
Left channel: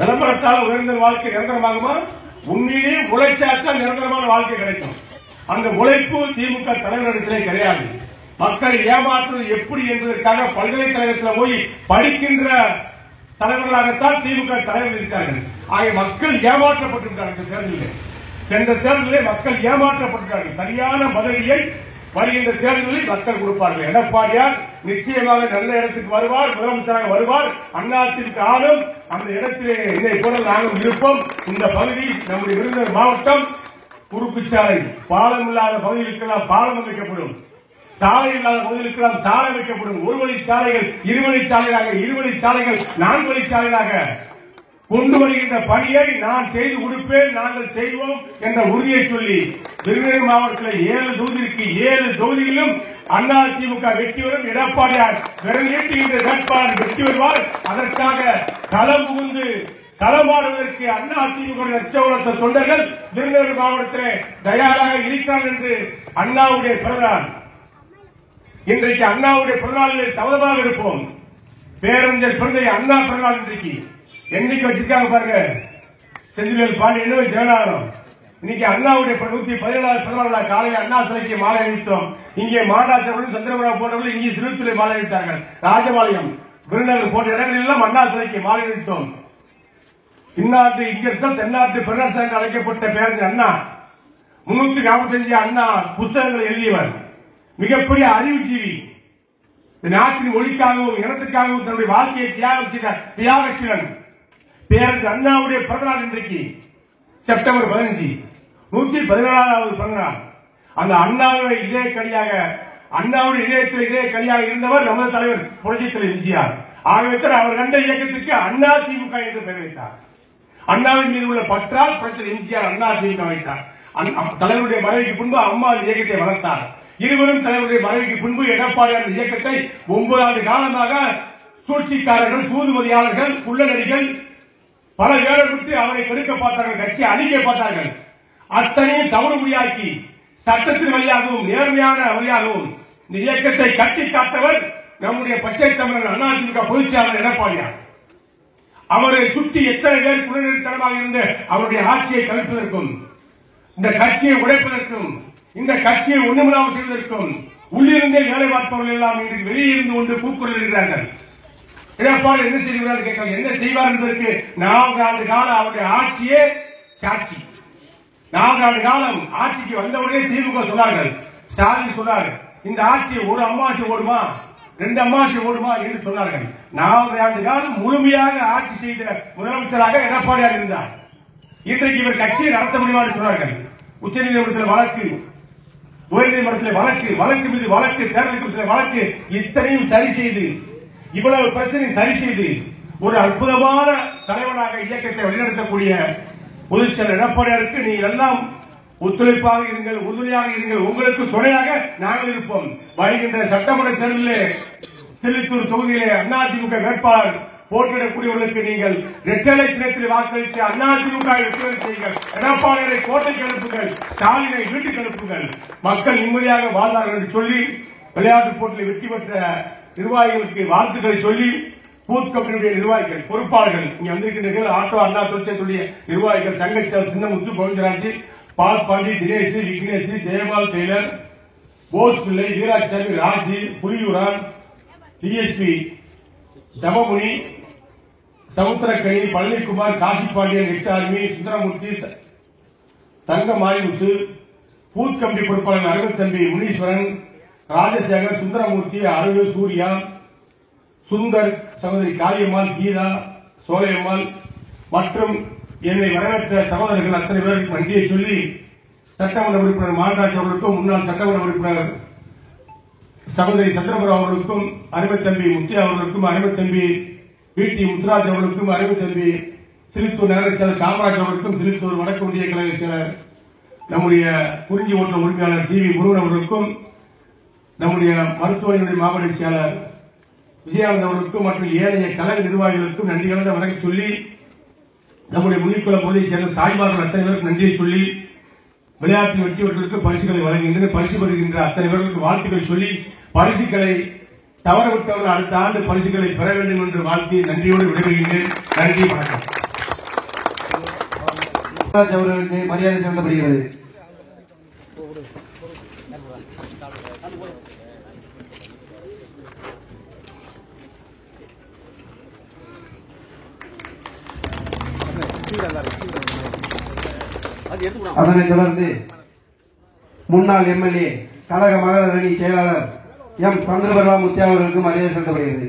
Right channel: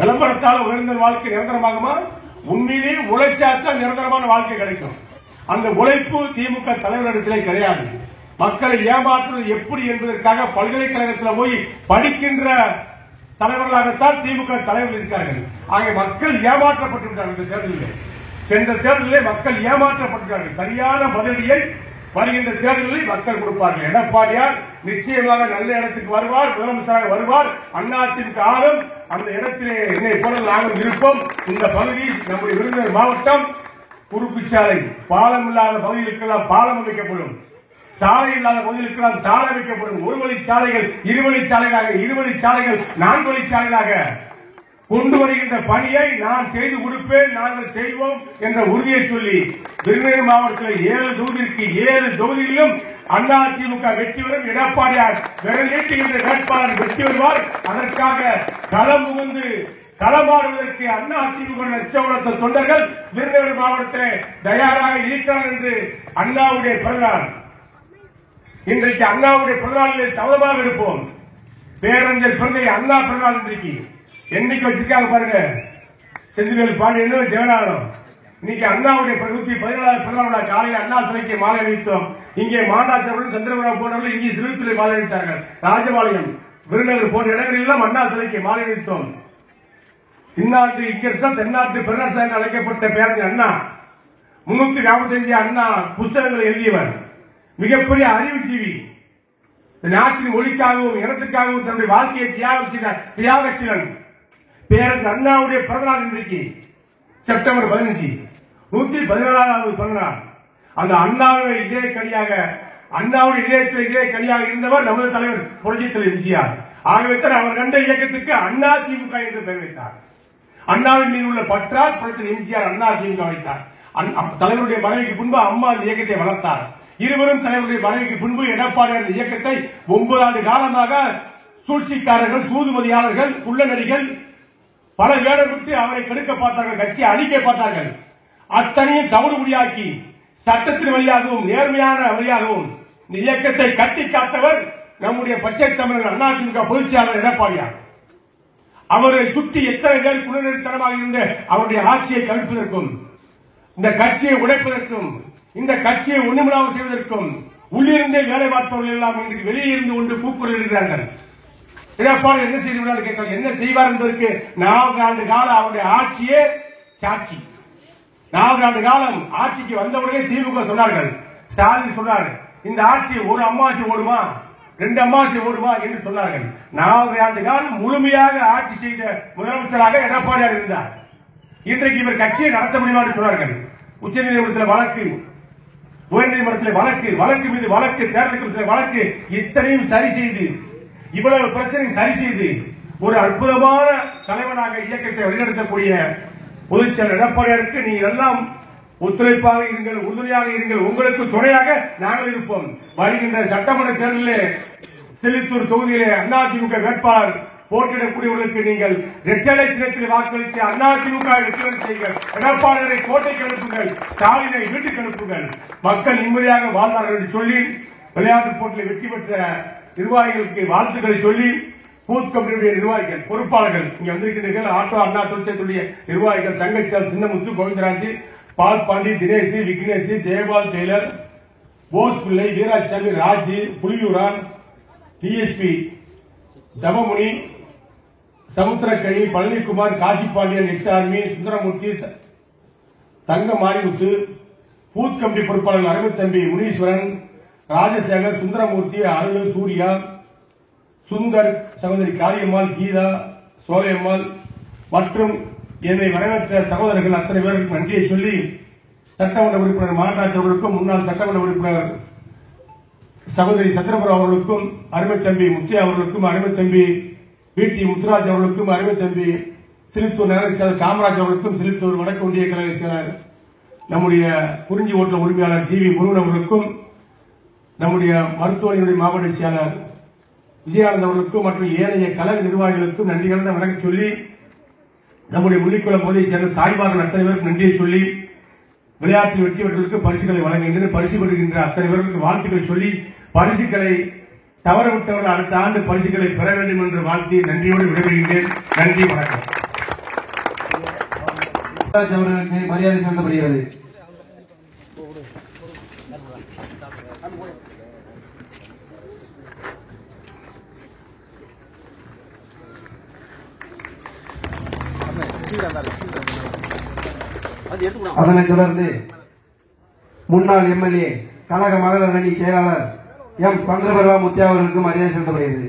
விளம்பரத்தால் உயர்ந்த வாழ்க்கை நிரந்தரமாகுமா? உண்மையிலே உழைச்சாத்தான் நிரந்தரமான வாழ்க்கை கிடைக்கும். அந்த உழைப்பு திமுக தலைவரிடத்திலே கிடையாது. மக்களை ஏமாற்றுவது எப்படி என்பதற்காக பல்கலைக்கழகத்தில் போய் படிக்கின்ற தலைவர்களாகத்தான் திமுக தலைவர் இருக்கிறார்கள். ஆகிய மக்கள் ஏமாற்றப்பட்டிருக்கிறார்கள். இந்த தேர்தலில், சென்ற தேர்தலில் மக்கள் ஏமாற்றப்பட்டிருக்கிறார்கள். சரியான பதிலடியை வருகின்ற தேர்தலில் மக்கள் கொடுப்பார்கள். எடப்பாடியார் நிச்சயமாக நல்ல இடத்துக்கு வருவார், முதலமைச்சராக வருவார். அதிமுக ஆளும் அந்த இடத்திலே என்னை போல நாங்கள் இருப்போம். இந்த பகுதி நம்முடைய விருதுநகர் மாவட்டம் குறுக்கு சாலை, பாலம் இல்லாத பகுதிகளுக்கெல்லாம் பாலம் அமைக்கப்படும், சாலை இல்லாத பகுதிகளுக்கெல்லாம் சாலை அமைக்கப்படும். 1 வழி சாலைகள் 2 வழி சாலைகளாக, 2 வழி சாலைகள் 4 வழி சாலைகளாக கொண்டு வருகின்ற பணியை நான் செய்து கொடுப்பேன், நாங்கள் செய்வோம் என்ற உறுதியை சொல்லி விருதுநகர் மாவட்டத்தில் 7 தொகுதிக்கு 7 தொகுதியிலும் அதிமுக வெற்றி வரும். எடப்பாடியார் நிறைவேற்றுகின்ற வேட்பாளர் வெற்றி வருவார். அதற்காக களம் புகுந்து களமாடுவதற்கு அதிமுக லட்சவளத்த தொண்டர்கள் விருதுநகர் மாவட்டத்தில் தயாராக இருக்கிறார்கள் என்று அண்ணாவுடைய பிறந்தநாள். இன்றைக்கு அண்ணாவுடைய பிறந்தநாளில் சபதமாக இருப்போம். பேரறிஞர் பிறந்த அண்ணா பிறந்தநாள் இன்றைக்கு என்னைக்கு வச்சிருக்காங்க பாருங்க. செந்தில் பாண்டியன் ஜெகநாதன் இன்னைக்கு அண்ணாவுடைய 117வது பிறந்தநாள் காலையில் அண்ணா சிலைக்கு மாலை அணிவித்தோம். இங்கே மாநாட்டவர்கள், சந்திரபாபு போன்றவர்கள் இங்கே சிறுத்திலே மாலை அணிவித்தார்கள். ராஜபாளையம், விருதுநகர் போன்ற இடங்களில் அண்ணா சிலைக்கு மாலை அணிவித்தோம். இந்நாட்டு இங்கர்சன் தென்னாட்டு பெருநாள் என்று அழைக்கப்பட்ட பேரறிஞர் அண்ணா 345 அண்ணா புஸ்தகங்களை எழுதியவர். மிகப்பெரிய அறிவுஜீவி. நாட்டின் மொழிக்காகவும் இனத்துக்காகவும் தன்னுடைய வாழ்க்கையை தியாகச்சிகள். பேரறிஞர் அண்ணாவுடைய பிறந்தநாள் இன்றைக்கு செப்டம்பர் 15 114வது பிறந்தநாள். அந்த அண்ணாவுடைய இதே கனியாக அண்ணாவுடைய இதயத்தில் இதே கனியாக இருந்தவர் நமது தலைவர் புரட்சித் தலைவர் எம்ஜிஆர். ஆகவே அவர் கண்ட இயக்கத்திற்கு அண்ணா திமுக என்று பெயர் வைத்தார். அண்ணாவின் மீது உள்ள பற்றால் புரட்சித் எம்ஜிஆர் அண்ணா திமுக வைத்தார். தலைவருடைய மறைவுக்கு பின்பு அம்மா அந்த இயக்கத்தை வளர்த்தார். இருவரும் தலைவருடைய மறைவுக்கு பின்பு எடப்பாடி அந்த இயக்கத்தை 9 ஆண்டு காலமாக சூழ்ச்சிக்காரர்கள், சூதுமதியாளர்கள், குள்ளநடிகள் பல வேடம் விட்டு அவரை கெடுக்க பார்த்தார்கள், கட்சியை அழிக்க பார்த்தார்கள். அத்தனையும் தவறுமுறையாக்கி சட்டத்தின் வழியாகவும் நேர்மையான வழியாகவும் இந்த இயக்கத்தை கட்டி காத்தவர் நம்முடைய பச்சை தமிழர் அதிமுக பொதுச் செயலாளர் எடப்பாடியார். அவரை சுற்றி எத்தனை பேர் குள்ளநெறித்தனமாக இருந்து அவருடைய ஆட்சியை கவிழ்ப்பதற்கும், இந்த கட்சியை உடைப்பதற்கும், இந்த கட்சியை ஒன்றுமில்லாமல் செய்வதற்கும் உள்ளிருந்தே வேலை பார்ப்பவர்கள் எல்லாம் இன்றைக்கு வெளியே இருந்து கொண்டு கூக்குரல் இருக்கிறார்கள். எடப்பாடி என்ன செய்வார் கேட்கிறார். என்ன செய்வார் என்பதற்கு 4 ஆண்டு காலம் அவருடைய ஆட்சியே சாட்சி. 4 ஆண்டு காலம் ஆட்சிக்கு வந்தவர்களே திமுக சொன்னார்கள். ஸ்டாலின் சொன்னார், இந்த ஆட்சி ஒரு அமாவாசை ஓடுமா, 2 அமாவாசை ஓடுமா என்று சொன்னார்கள். 4 ஆண்டு காலம் முழுமையாக ஆட்சி செய்த முதலமைச்சராக எடப்பாடியார் இருந்தார். இன்றைக்கு இவர் கட்சியை நடத்த முடியுமா என்று சொன்னார்கள். உச்சநீதிமன்றத்தில் வழக்கு, உயர்நீதிமன்றத்தில் வழக்கு மீது வழக்கு, தேர்தல் கமிஷனில் வழக்கு, இத்தனையும் சரி செய்து இவ்வளவு பிரச்சனை சரி செய்து ஒரு அற்புதமான தலைவனாக இயக்கத்தை வழிநடத்தக்கூடிய பொதுச் செயலர் எடப்பாடியாருக்கு நீங்கள் எல்லாம் ஒத்துழைப்பாக இருங்கள், உறுதுணையாக இருங்கள். உங்களுக்கு துணையாக நாங்கள் இருப்போம். வருகின்ற சட்டமன்ற தேர்தலில் சிலித்தூர் தொகுதியிலே அதிமுக வேட்பாளர் போட்டியிடக்கூடியவர்களுக்கு நீங்கள் இரட்டை சின்னத்தில் வாக்களித்து அதிமுக வெற்றி செய்யுங்கள். எடப்பாடியை கோட்டைக்கு அனுப்புங்கள், ஸ்டாலினை வீட்டுக்கு அனுப்புங்கள். மக்கள் நிம்மதியாக வாழ்வார்கள் என்று சொல்லி விளையாட்டுப் போட்டியில் வெற்றி பெற்ற நிர்வாகிகளுக்கு வாழ்த்துக்களை சொல்லி பூத் கமிட்டியுடைய நிர்வாகிகள், பொறுப்பாளர்கள் இங்க வந்திருக்கிறீர்கள். ஆட்டோ அண்ணா தொழிற்சங்கத்துடைய நிர்வாகிகள் தங்கச்சால், சின்னமுத்து, கோவிந்தராஜ், பால் பாண்டி, தினேஷ், விக்னேஷ், ஜெயபால், டெய்லர், போஸ் பிள்ளை, வீராசாமி, ராஜ், புலியூரான், டிஎஸ்பி தவமுனி, சமுத்திரக்கணி, பழனிக்குமார், காசிப்பாண்டியன், எக்ஸார்மி, சுந்தரமூர்த்தி, தங்க மாரிமுத்து, பூத் கமிட்டி பொறுப்பாளர்கள் அரவிந்தம்பி, முனீஸ்வரன், ராஜசேகர், சுந்தரமூர்த்தி, அருள், சூர்யா, சுந்தர், சகோதரி காளியம்மாள், கீதா, சோலையம்மாள் மற்றும் என்னை வரவேற்ற சகோதரர்கள் அத்தனை பேருக்கு நன்றியை சொல்லி சட்டமன்ற உறுப்பினர் மாநகராட்சி அவர்களுக்கும், முன்னாள் சட்டமன்ற உறுப்பினர் சகோதரி சந்திரபுரம் அவர்களுக்கும், அருமைத்தம்பி முத்தியா அவர்களுக்கும், அருமைத்தம்பி பிடி முத்துராஜ் அவர்களுக்கும், அருமைத்தம்பி சிலித்தூர் நகர செயலர் காமராஜ் அவர்களுக்கும், சிலித்தூர் வடக்கு ஒன்றிய கழக செயலர் நம்முடைய குறிஞ்சி ஓட்ட உரிமையாளர் ஜி வி முருகன் அவர்களுக்கும், நம்முடைய மருத்துவமனையுடைய மாவட்ட செயலர் விஜயானந்த் அவர்களுக்கும் மற்றும் ஏனைய கழக நிர்வாகிகளுக்கும் நன்றி கலந்த வணக்கம் சொல்லி, நம்முடைய முள்ளிக்குள பகுதியை சேர்ந்த தாய்மார்கள் அத்தனை பேருக்கு நன்றியை சொல்லி, விளையாட்டில் வெற்றி பெற்றவர்களுக்கு பரிசுகளை வழங்குகின்றன. பரிசு பெறுகின்ற அத்தனை பேர்களுக்கு வாழ்த்துக்களை சொல்லி, பரிசுகளை தவறவிட்டவர்கள் அடுத்த ஆண்டு பரிசுகளை பெற வேண்டும் என்று வாழ்த்தி நன்றியோடு விடைபெறுகின்றேன். நன்றி, வணக்கம். அவர்களுக்கு மரியாதை செலுத்தப்படுகிறது. அதனைத் தொடர்ந்து முன்னாள் எம்எல்ஏ கழக மகளிர் அணி செயலாளர் எம் சந்திரபர்வா முத்தியா அவர்களுக்கு மரியாதை செலுத்தப்படுகிறது.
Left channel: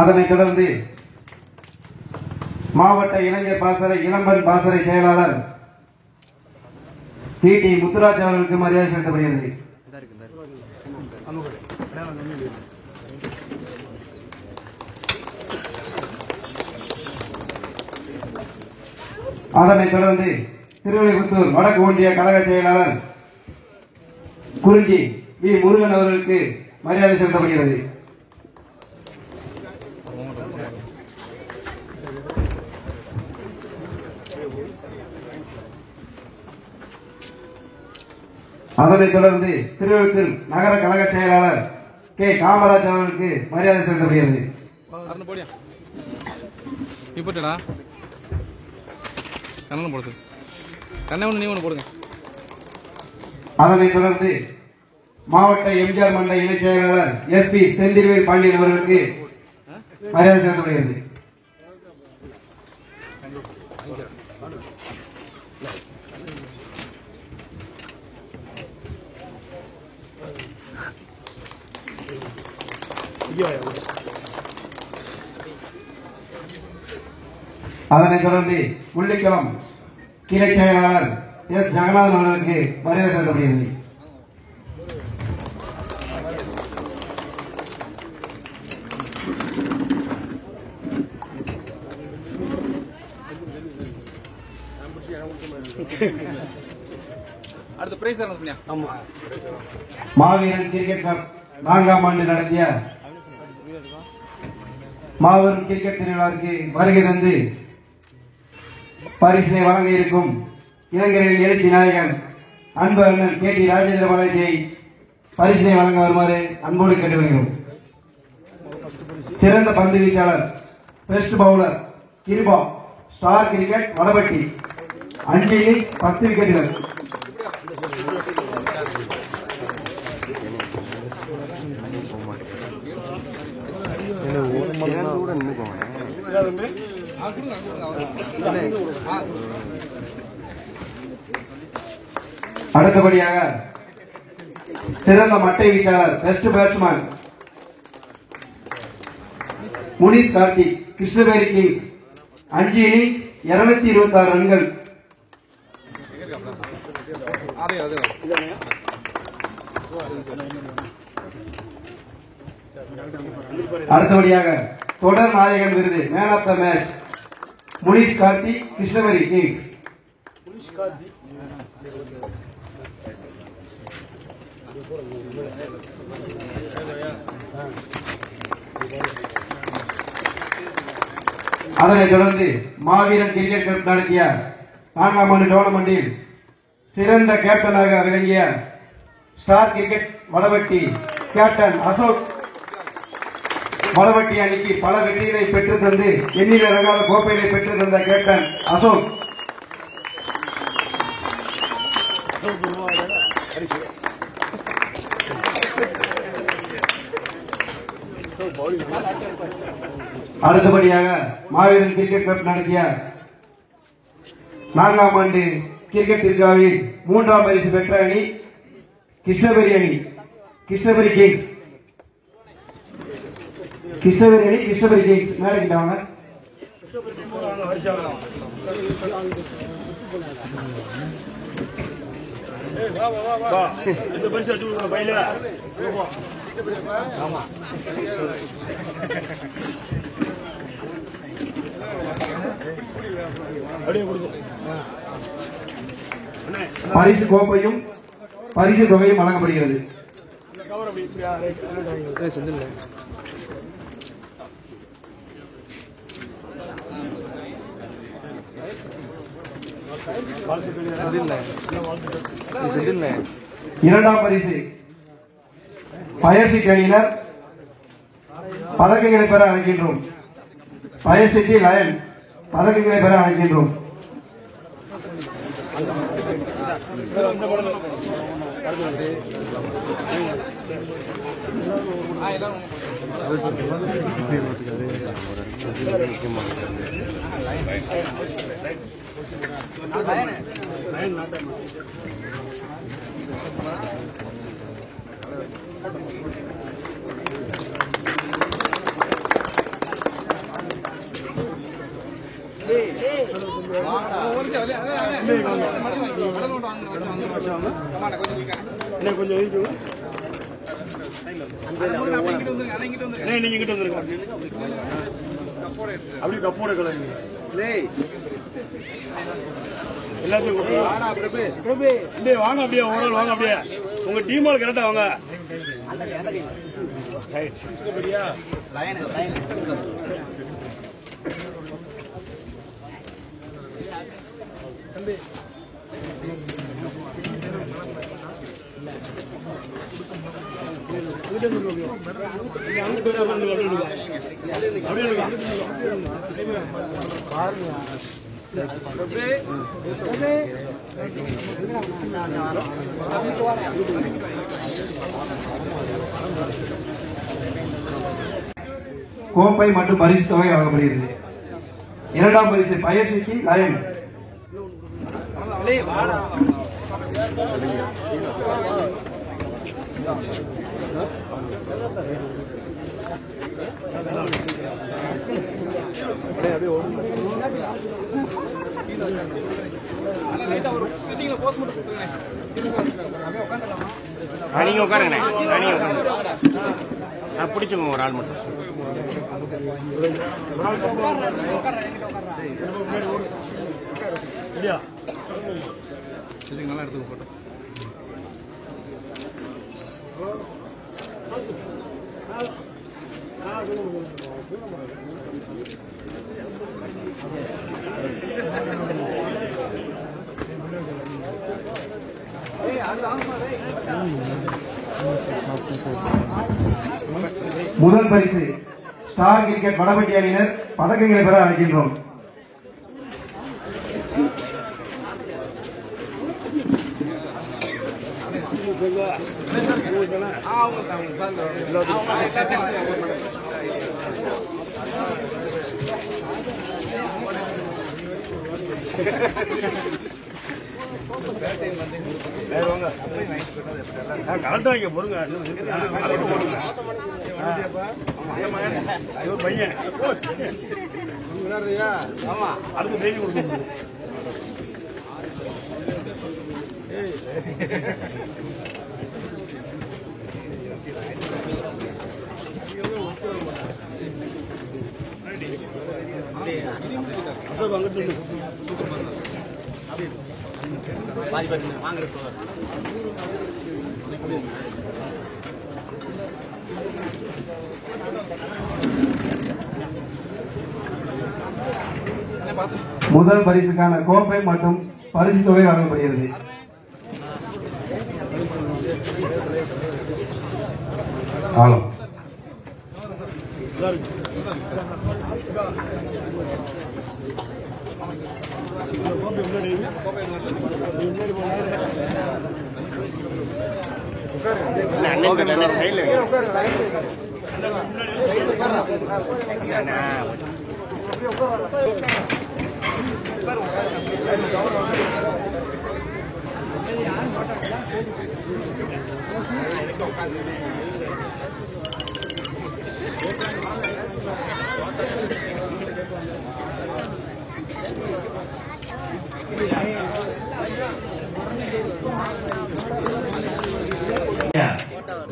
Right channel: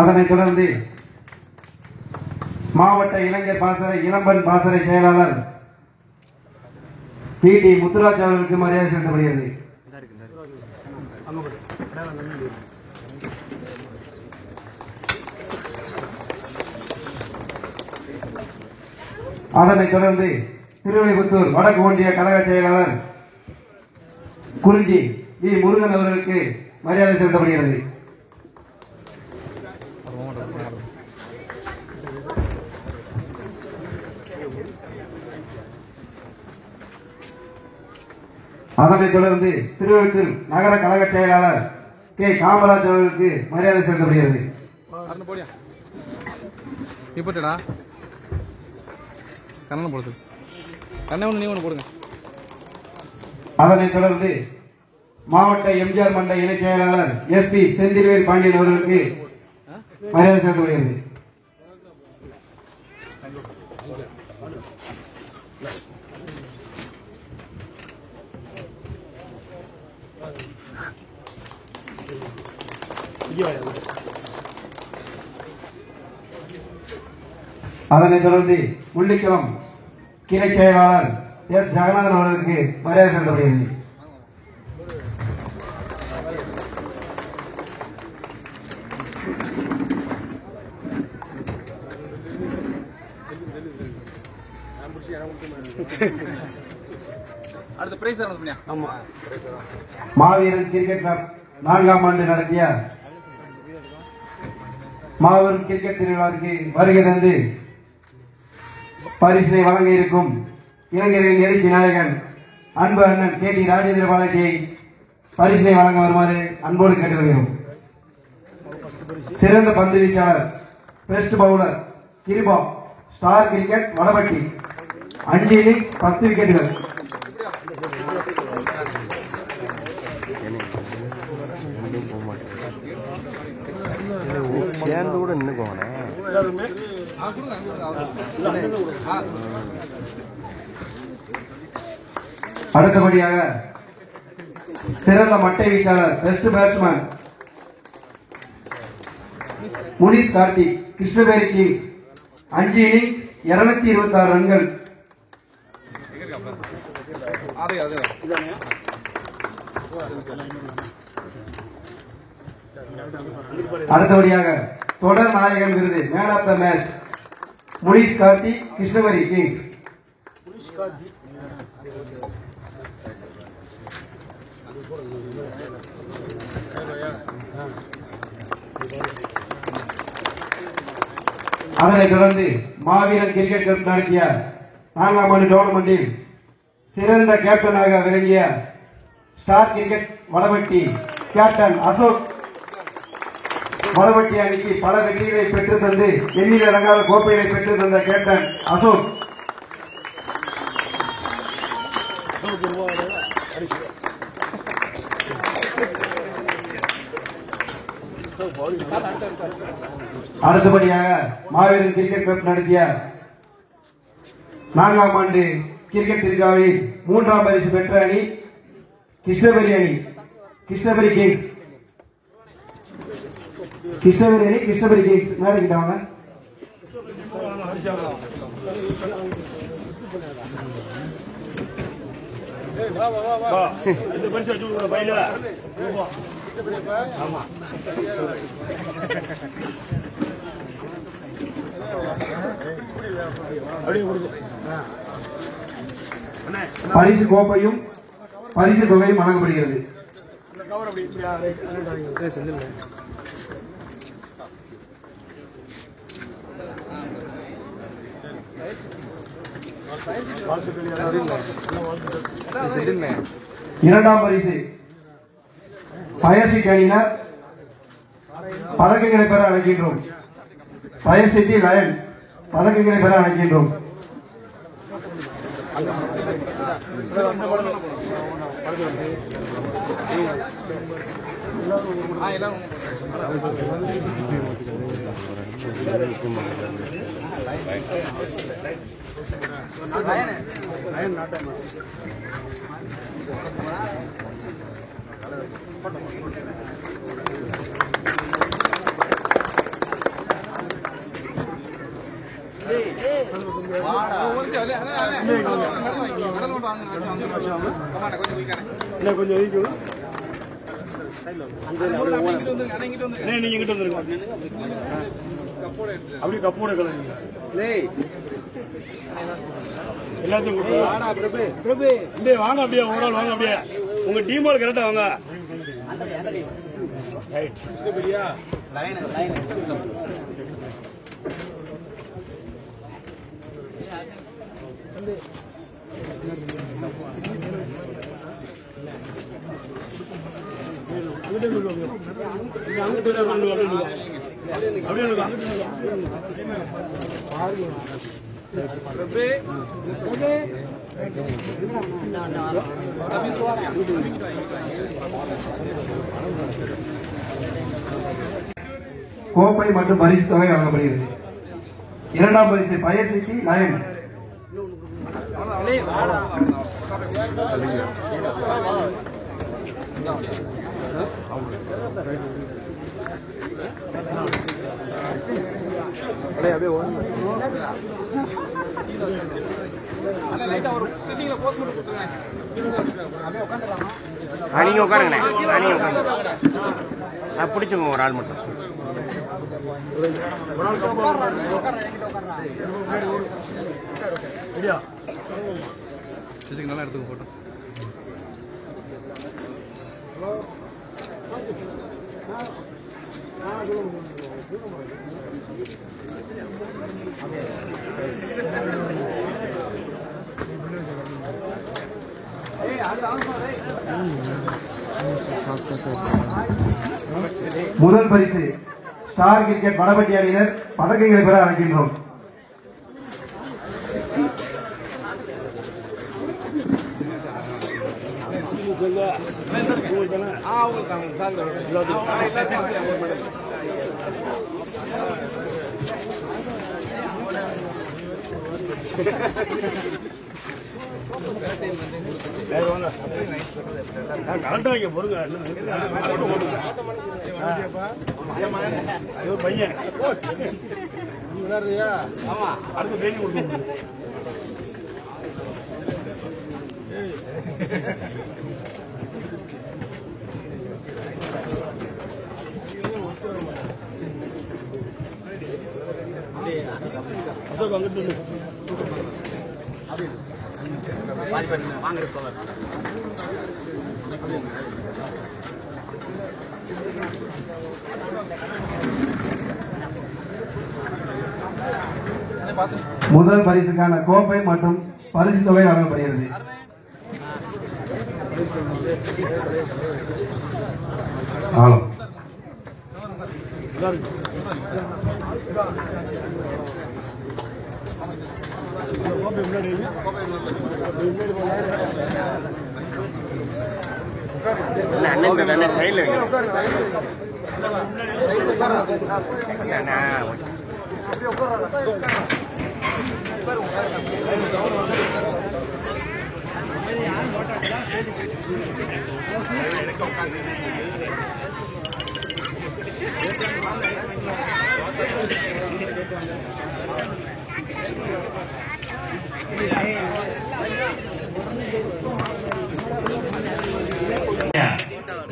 அதனைத் தொடர்ந்து மாவட்ட இளைஞர் பாசறை இளம்பன் பாசறை செயலாளர் பிடி முத்துராஜ் அவர்களுக்கு மரியாதை செலுத்தப்படுகிறது. அதனைத் தொடர்ந்து திருவிளைபுத்தூர் வடக்கு ஒன்றிய கழக செயலாளர் குறிஞ்சி வி முருகன் அவர்களுக்கு மரியாதை செலுத்தப்படுகிறது. அதனைத் தொடர்ந்து திருவள்ளூர் நகர கழக செயலாளர் கே காமராஜ் அவர்களுக்கு மரியாதை செலுத்தப்படுகிறது. கண்ணன் போடுது கண்ணை ஒன்று நீ ஒன்று போடுங்க. அதனைத் தொடர்ந்து மாவட்ட எம்ஜிஆர் மன்ற இணைச் செயலாளர் SP செந்தில்வேல் பாண்டியன் அவர்களுக்கு மரியாதை செலுத்தப்படுகிறது. அதனைத் தொடர்ந்து முள்ளிக்குளம் கிளை செயலாளர் S ஜெகநாதன் அவர்களுக்கு மரியாதை செலுத்தப்படுகிறது. அடுத்த பிரைஸ் மாவீரன் கிரிக்கெட் கப் 4ஆம் ஆண்டு நடத்திய மாபெரும் கிரிக்கெட் திருவிழாவிற்கு வருகை தந்து பரிசினை வழங்க இருக்கும் இளைஞரின் எழுச்சி நாயகன் அன்பு அண்ணன் KT ராஜேந்திர பாலாஜியை பரிசினை வழங்க வருமாறு அன்போடு கேட்டுக்கொள்கிறோம். சிறந்த பந்து வீச்சாளர், best bowler Kiruba, Star Cricket Vadapatti, 5 innings 10 விக்கெட்டுகள். அடுத்தபடியாக சிறந்த மட்டை வீச்சாளர், best batsman Munish Karthik, Krishnaveli Kings, 5 innings 226 ரன்கள். அடுத்தபடியாக தொடர் நாயகன் விருது, man of the match Munish Karthik, Krishnaveli Kings. அதனைத் தொடர்ந்து மாவீரன் கிரிக்கெட் கப் நடத்திய 4ஆம் ஆண்டு டோர்னமெண்டில் சிறந்த கேப்டனாக விளங்கிய star Cricket Vadapatti captain Ashok Vadapatti அணிக்கு பல வெற்றிகளை பெற்று தந்து எண்ணில் அடங்காத கோப்பைகளை பெற்று தந்த கேப்டன் அசோக் அடுத்தபடியாக மாவீரன் கிரிக்கெட் கப் நடத்திய 4ஆம் ஆண்டு கிரிக்கெட் திருவிழாவில் 3ஆம் பரிசு பெற்ற அணி கிருஷ்ணவேலி அணி, கிருஷ்ணவேலி கிங்ஸ். கிருஷ்ணவேலி அணி, கிருஷ்ணவேலி கிங்ஸ் மேடைக்கிட்டாங்க. பரிசு கோப்பையும் பரிசு தொகையும் வழங்கப்படுகிறது. இரண்டாம் பரிசு ஃபயர் சிட்டி அணியினர் பதக்கங்களை பெற அழைக்கின்றோம். ஃபயர் சிட்டி லயன் பதக்கங்களை பெற அழைக்கின்றோம். அப்படி கப்போட எல்லாத்தையும் வாங்க, அப்படியே வாங்க, அப்படியே உங்க டீம் கரெக்டா வாங்க. கோப்பை மற்றும் பரிசு தொகை வழங்கப்படுகிறது. இரண்டாம் பரிசு பயிற்சிக்கு லயன். நீங்க உட்காருங்க, நீங்க உட்காருங்க. பிடிச்சுங்க ஒரு ஆள் மட்டும். நல்லா எடுத்து போட்டேன். முதல் பரிசு ஸ்டார் கிரிக்கெட் வடபட்டி அணியினர் பதக்கங்களை பெற அழைக்கின்றோம். கரெக்டா இங்க போடுங்க. பையன் ஆமா அதுக்கு டெய்லி கொடுத்து அசோக் அங்கிட்டு முதல் பரிசுக்கான கோப்பை மற்றும் பரிசு தொகை வழங்கப்படுகிறது.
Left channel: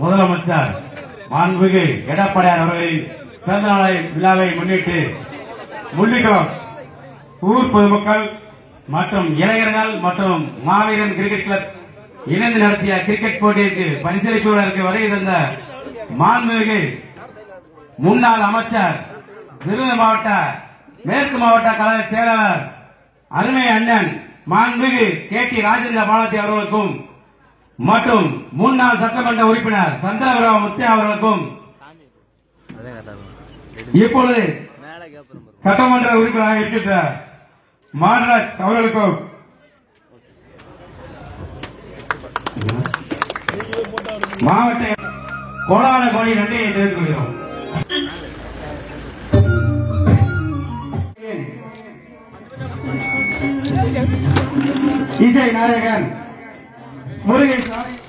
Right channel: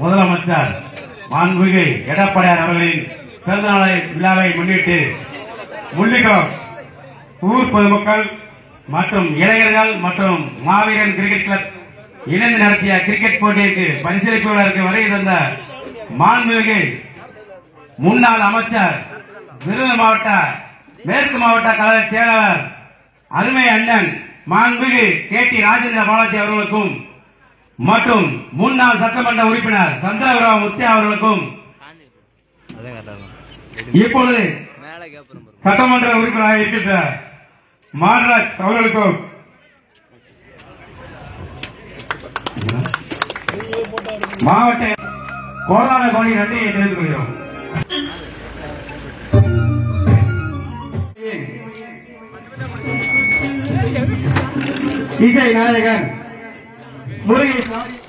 முதலமைச்சர் மாண்புமிகு எடப்பாடியார் அவர்களின் பிறந்தநாளை விழாவை முன்னிட்டு முள்ளிக்குளம் ஊர் பொதுமக்கள் மற்றும் இளைஞர்கள் மற்றும் மாவீரன் கிரிக்கெட் கிளப் இணைந்து நடத்திய கிரிக்கெட் போட்டிக்கு பரிசளிப்புகளுக்கு வருகை தந்த மாண்புமிகு முன்னாள் அமைச்சர் விருதுநகர் மாவட்ட மேற்கு மாவட்ட கழக செயலாளர் அருமை அண்ணன் மாண்புமிகு KT ராஜேந்திர பாலாஜி அவர்களுக்கும் மற்றும் முன்னாள் சட்டமன்ற உறுப்பினர் சந்திரபுரம் முத்தியா அவர்களுக்கும் இப்பொழுது சட்டமன்ற உறுப்பினராக இருக்கின்ற மாரராஜ் அவர்களுக்கும் மாவட்ட கோடான கோடி நன்றியை தெரிவித்துக் கொள்கிறோம். இசை நாயகன் முருகேசன்